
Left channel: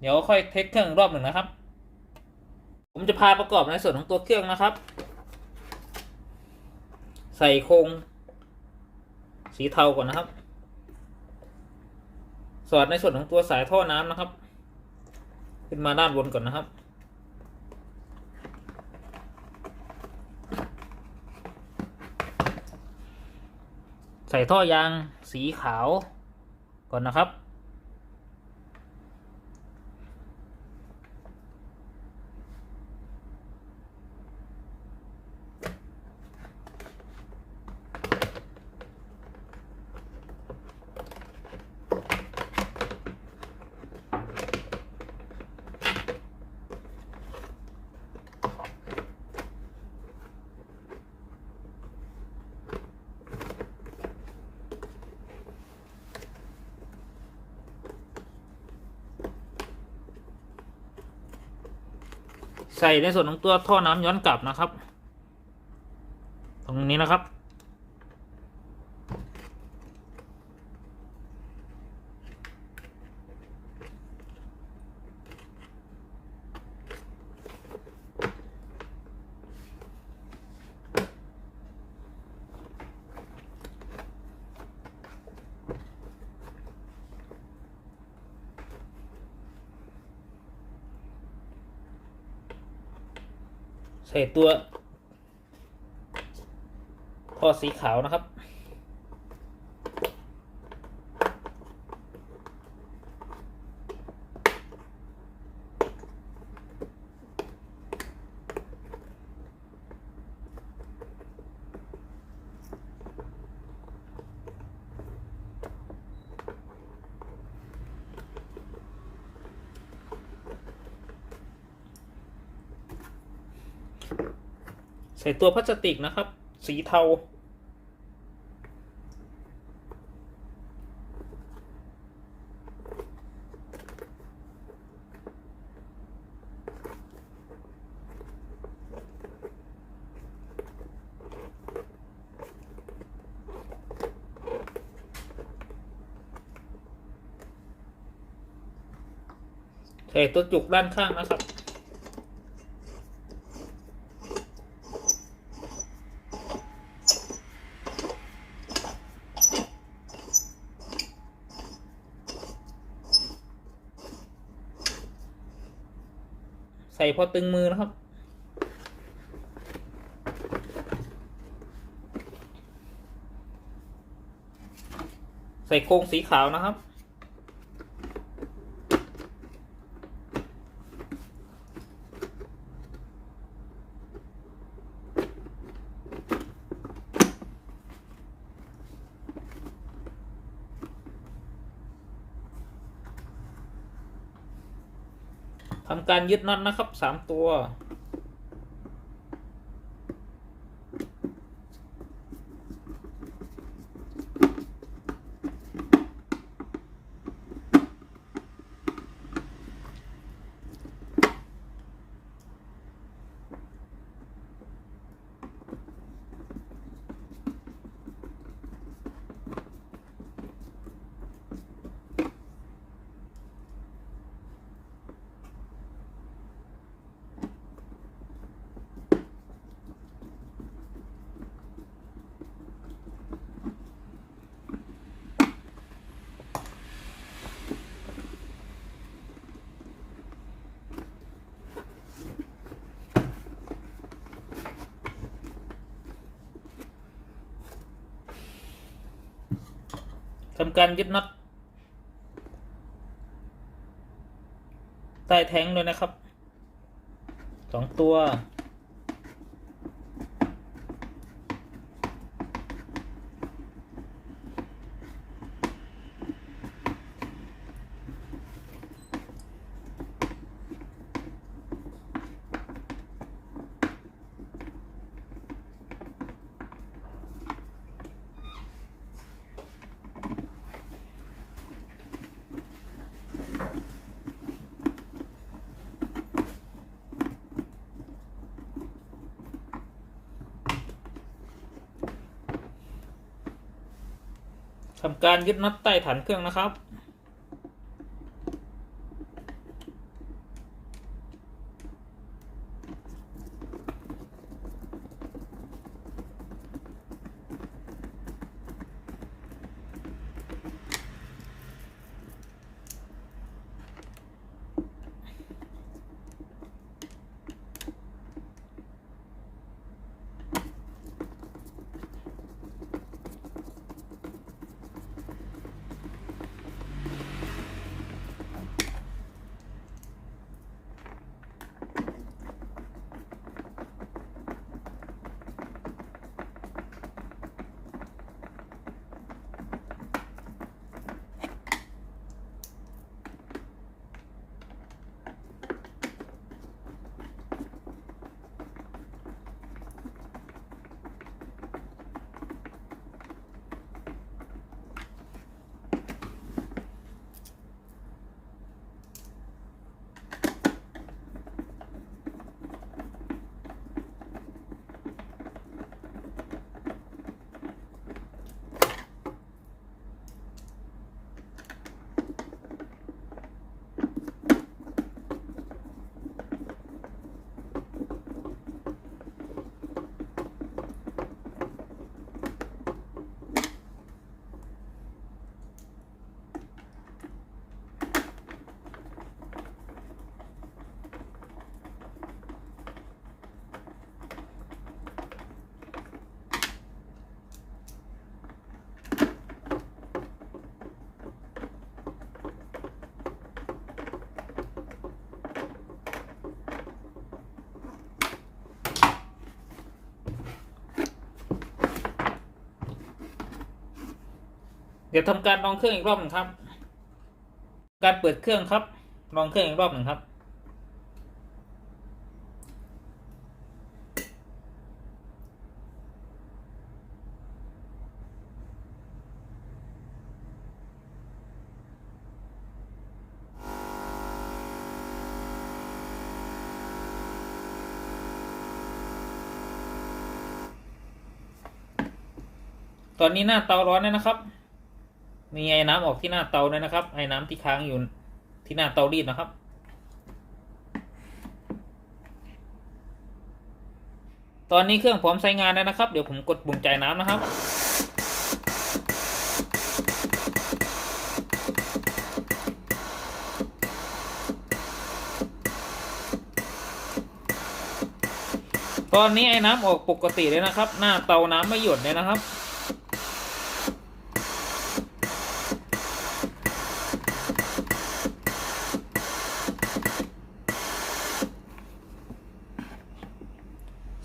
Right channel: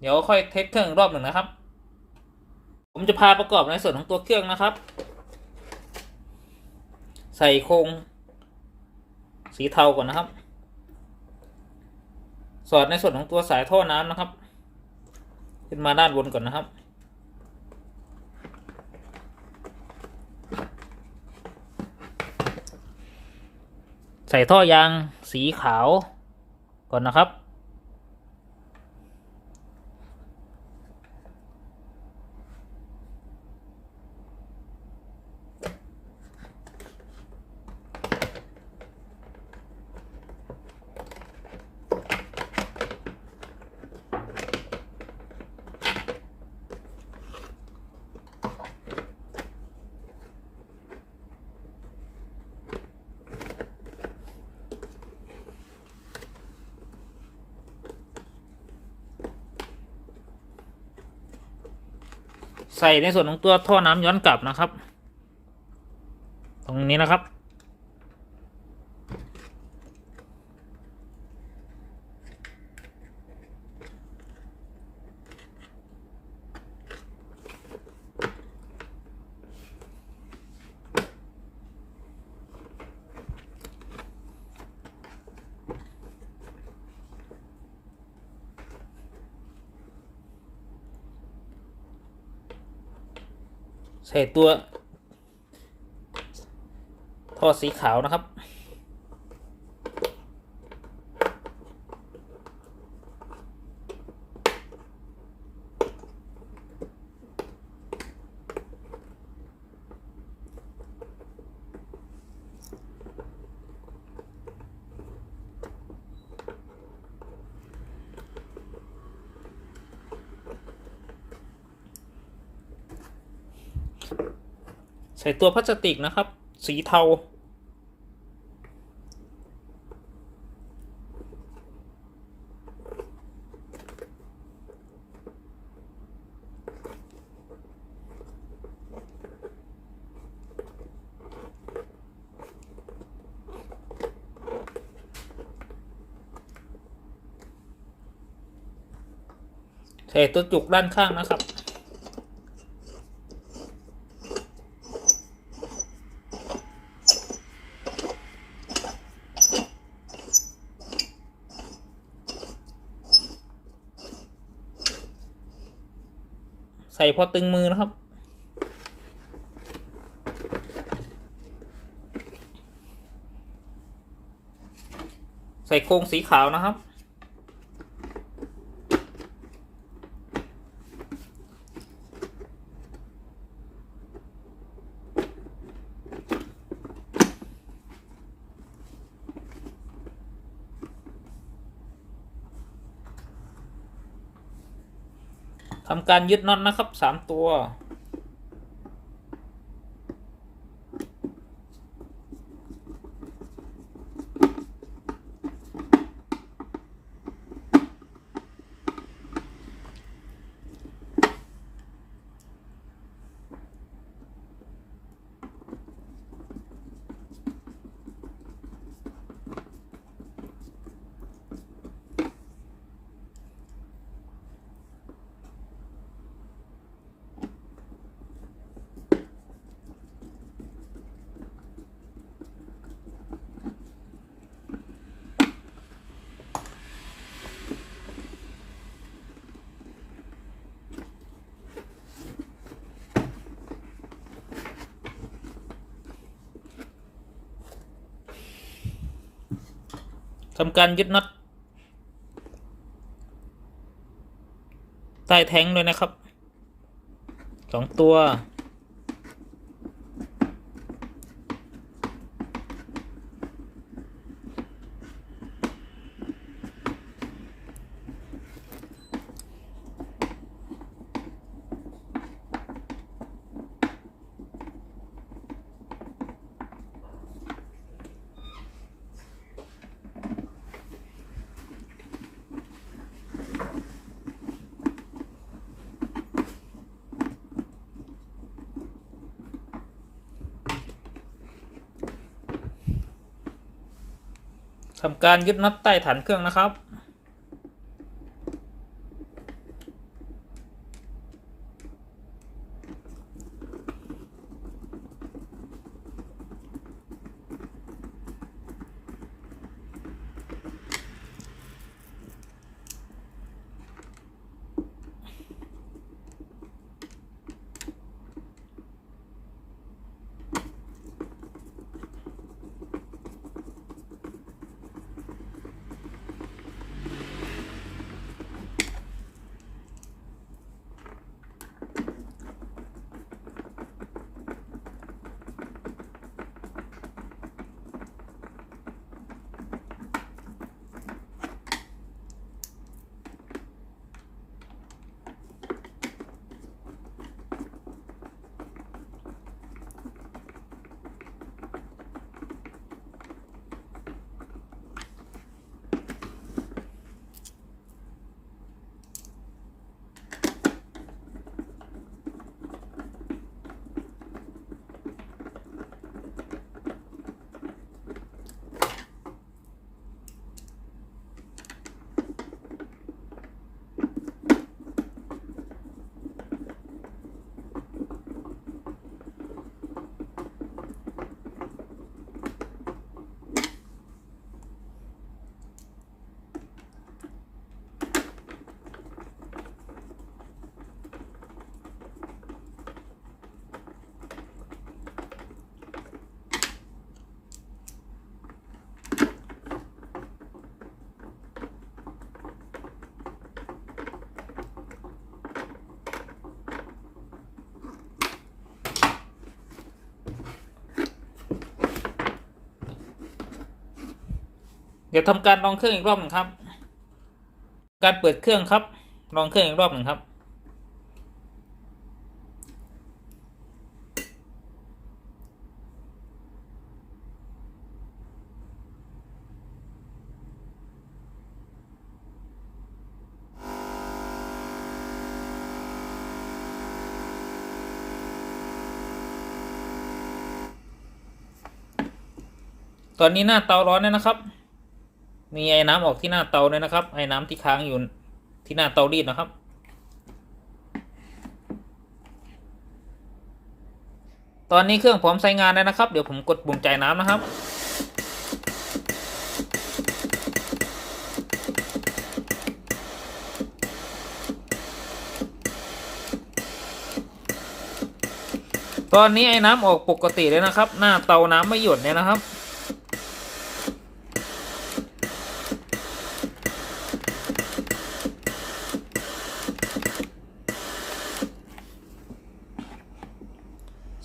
เดี๋ยวค่อยเทสเครื่องรอบหนึ่งนะครับผมจะพาประกอบในส่วนของตัวเครื่องนะครับใส่โครงสีเทาก่อนนะครับสอดในส่วนของตัวสายท่อน้ำนะครับขึ้นมาด้านบนก่อนนะครับใส่ท่อยางสีขาวก่อนนะครับใส่ในส่วนของตัวท่อน้ำย้อนกลับนะครับตรงนี้นะครับใส่ตัวท่อสีขาวนะครับ ใส่ตัวพลาสติกนะครับ สีเทาใส่ตัวจุกด้านข้างนะครับใส่พอตึงมือนะครับใส่โครงสีขาวนะครับทำการยึดน็อตนะครับ3 ตัวทำการยึดน็อตใต้แท้งเลยนะครับ2 ตัวทำการยึดน็อตใต้ฐานเครื่องนะครับเดี๋ยวทำการลองเครื่องอีกรอบหนึ่งครับการเปิดเครื่องครับลองเครื่องอีกรอบหนึ่งครับ ตอนนี้หน้าเตาร้อนเลยนะครับ มีไอ้น้ำออกที่หน้าเตาเลยนะครับไอ้น้ำที่ค้างอยู่ที่หน้าเตารีดนะครับตอนนี้เครื่องพร้อมใช้งานแล้วนะครับเดี๋ยวผมกดปุ่มจ่ายน้ำนะครับตอนนี้ไอ้น้ำออกปกติเลยนะครับหน้าเตาน้ำไม่หยดเลยนะครับ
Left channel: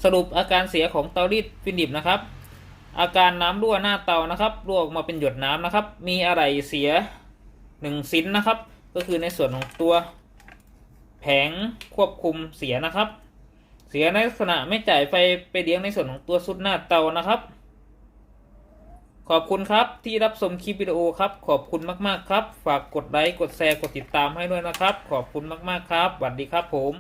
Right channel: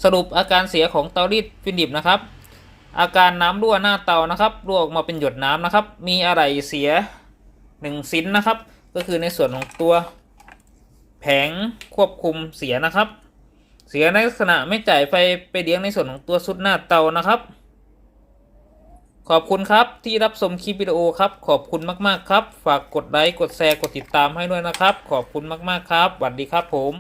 สรุปอาการเสียของเตารีดฟินดิบนะครับอาการน้ำรั่วหน้าเตานะครับรั่วออกมาเป็นหยดน้ำนะครับมีอะไรเสีย1ชิ้นนะครับก็คือในส่วนของตัวแผงควบคุมเสียนะครับเสียในลักษณะไม่จ่ายไฟไปเลี้ยงในส่วนของตัวซุดหน้าเตานะครับขอบคุณครับที่รับชมคลิปวิดีโอครับขอบคุณมากๆครับฝากกดไลค์กดแชร์กดติดตามให้ด้วยนะครับขอบคุณมากๆครับสวัสดีครับผม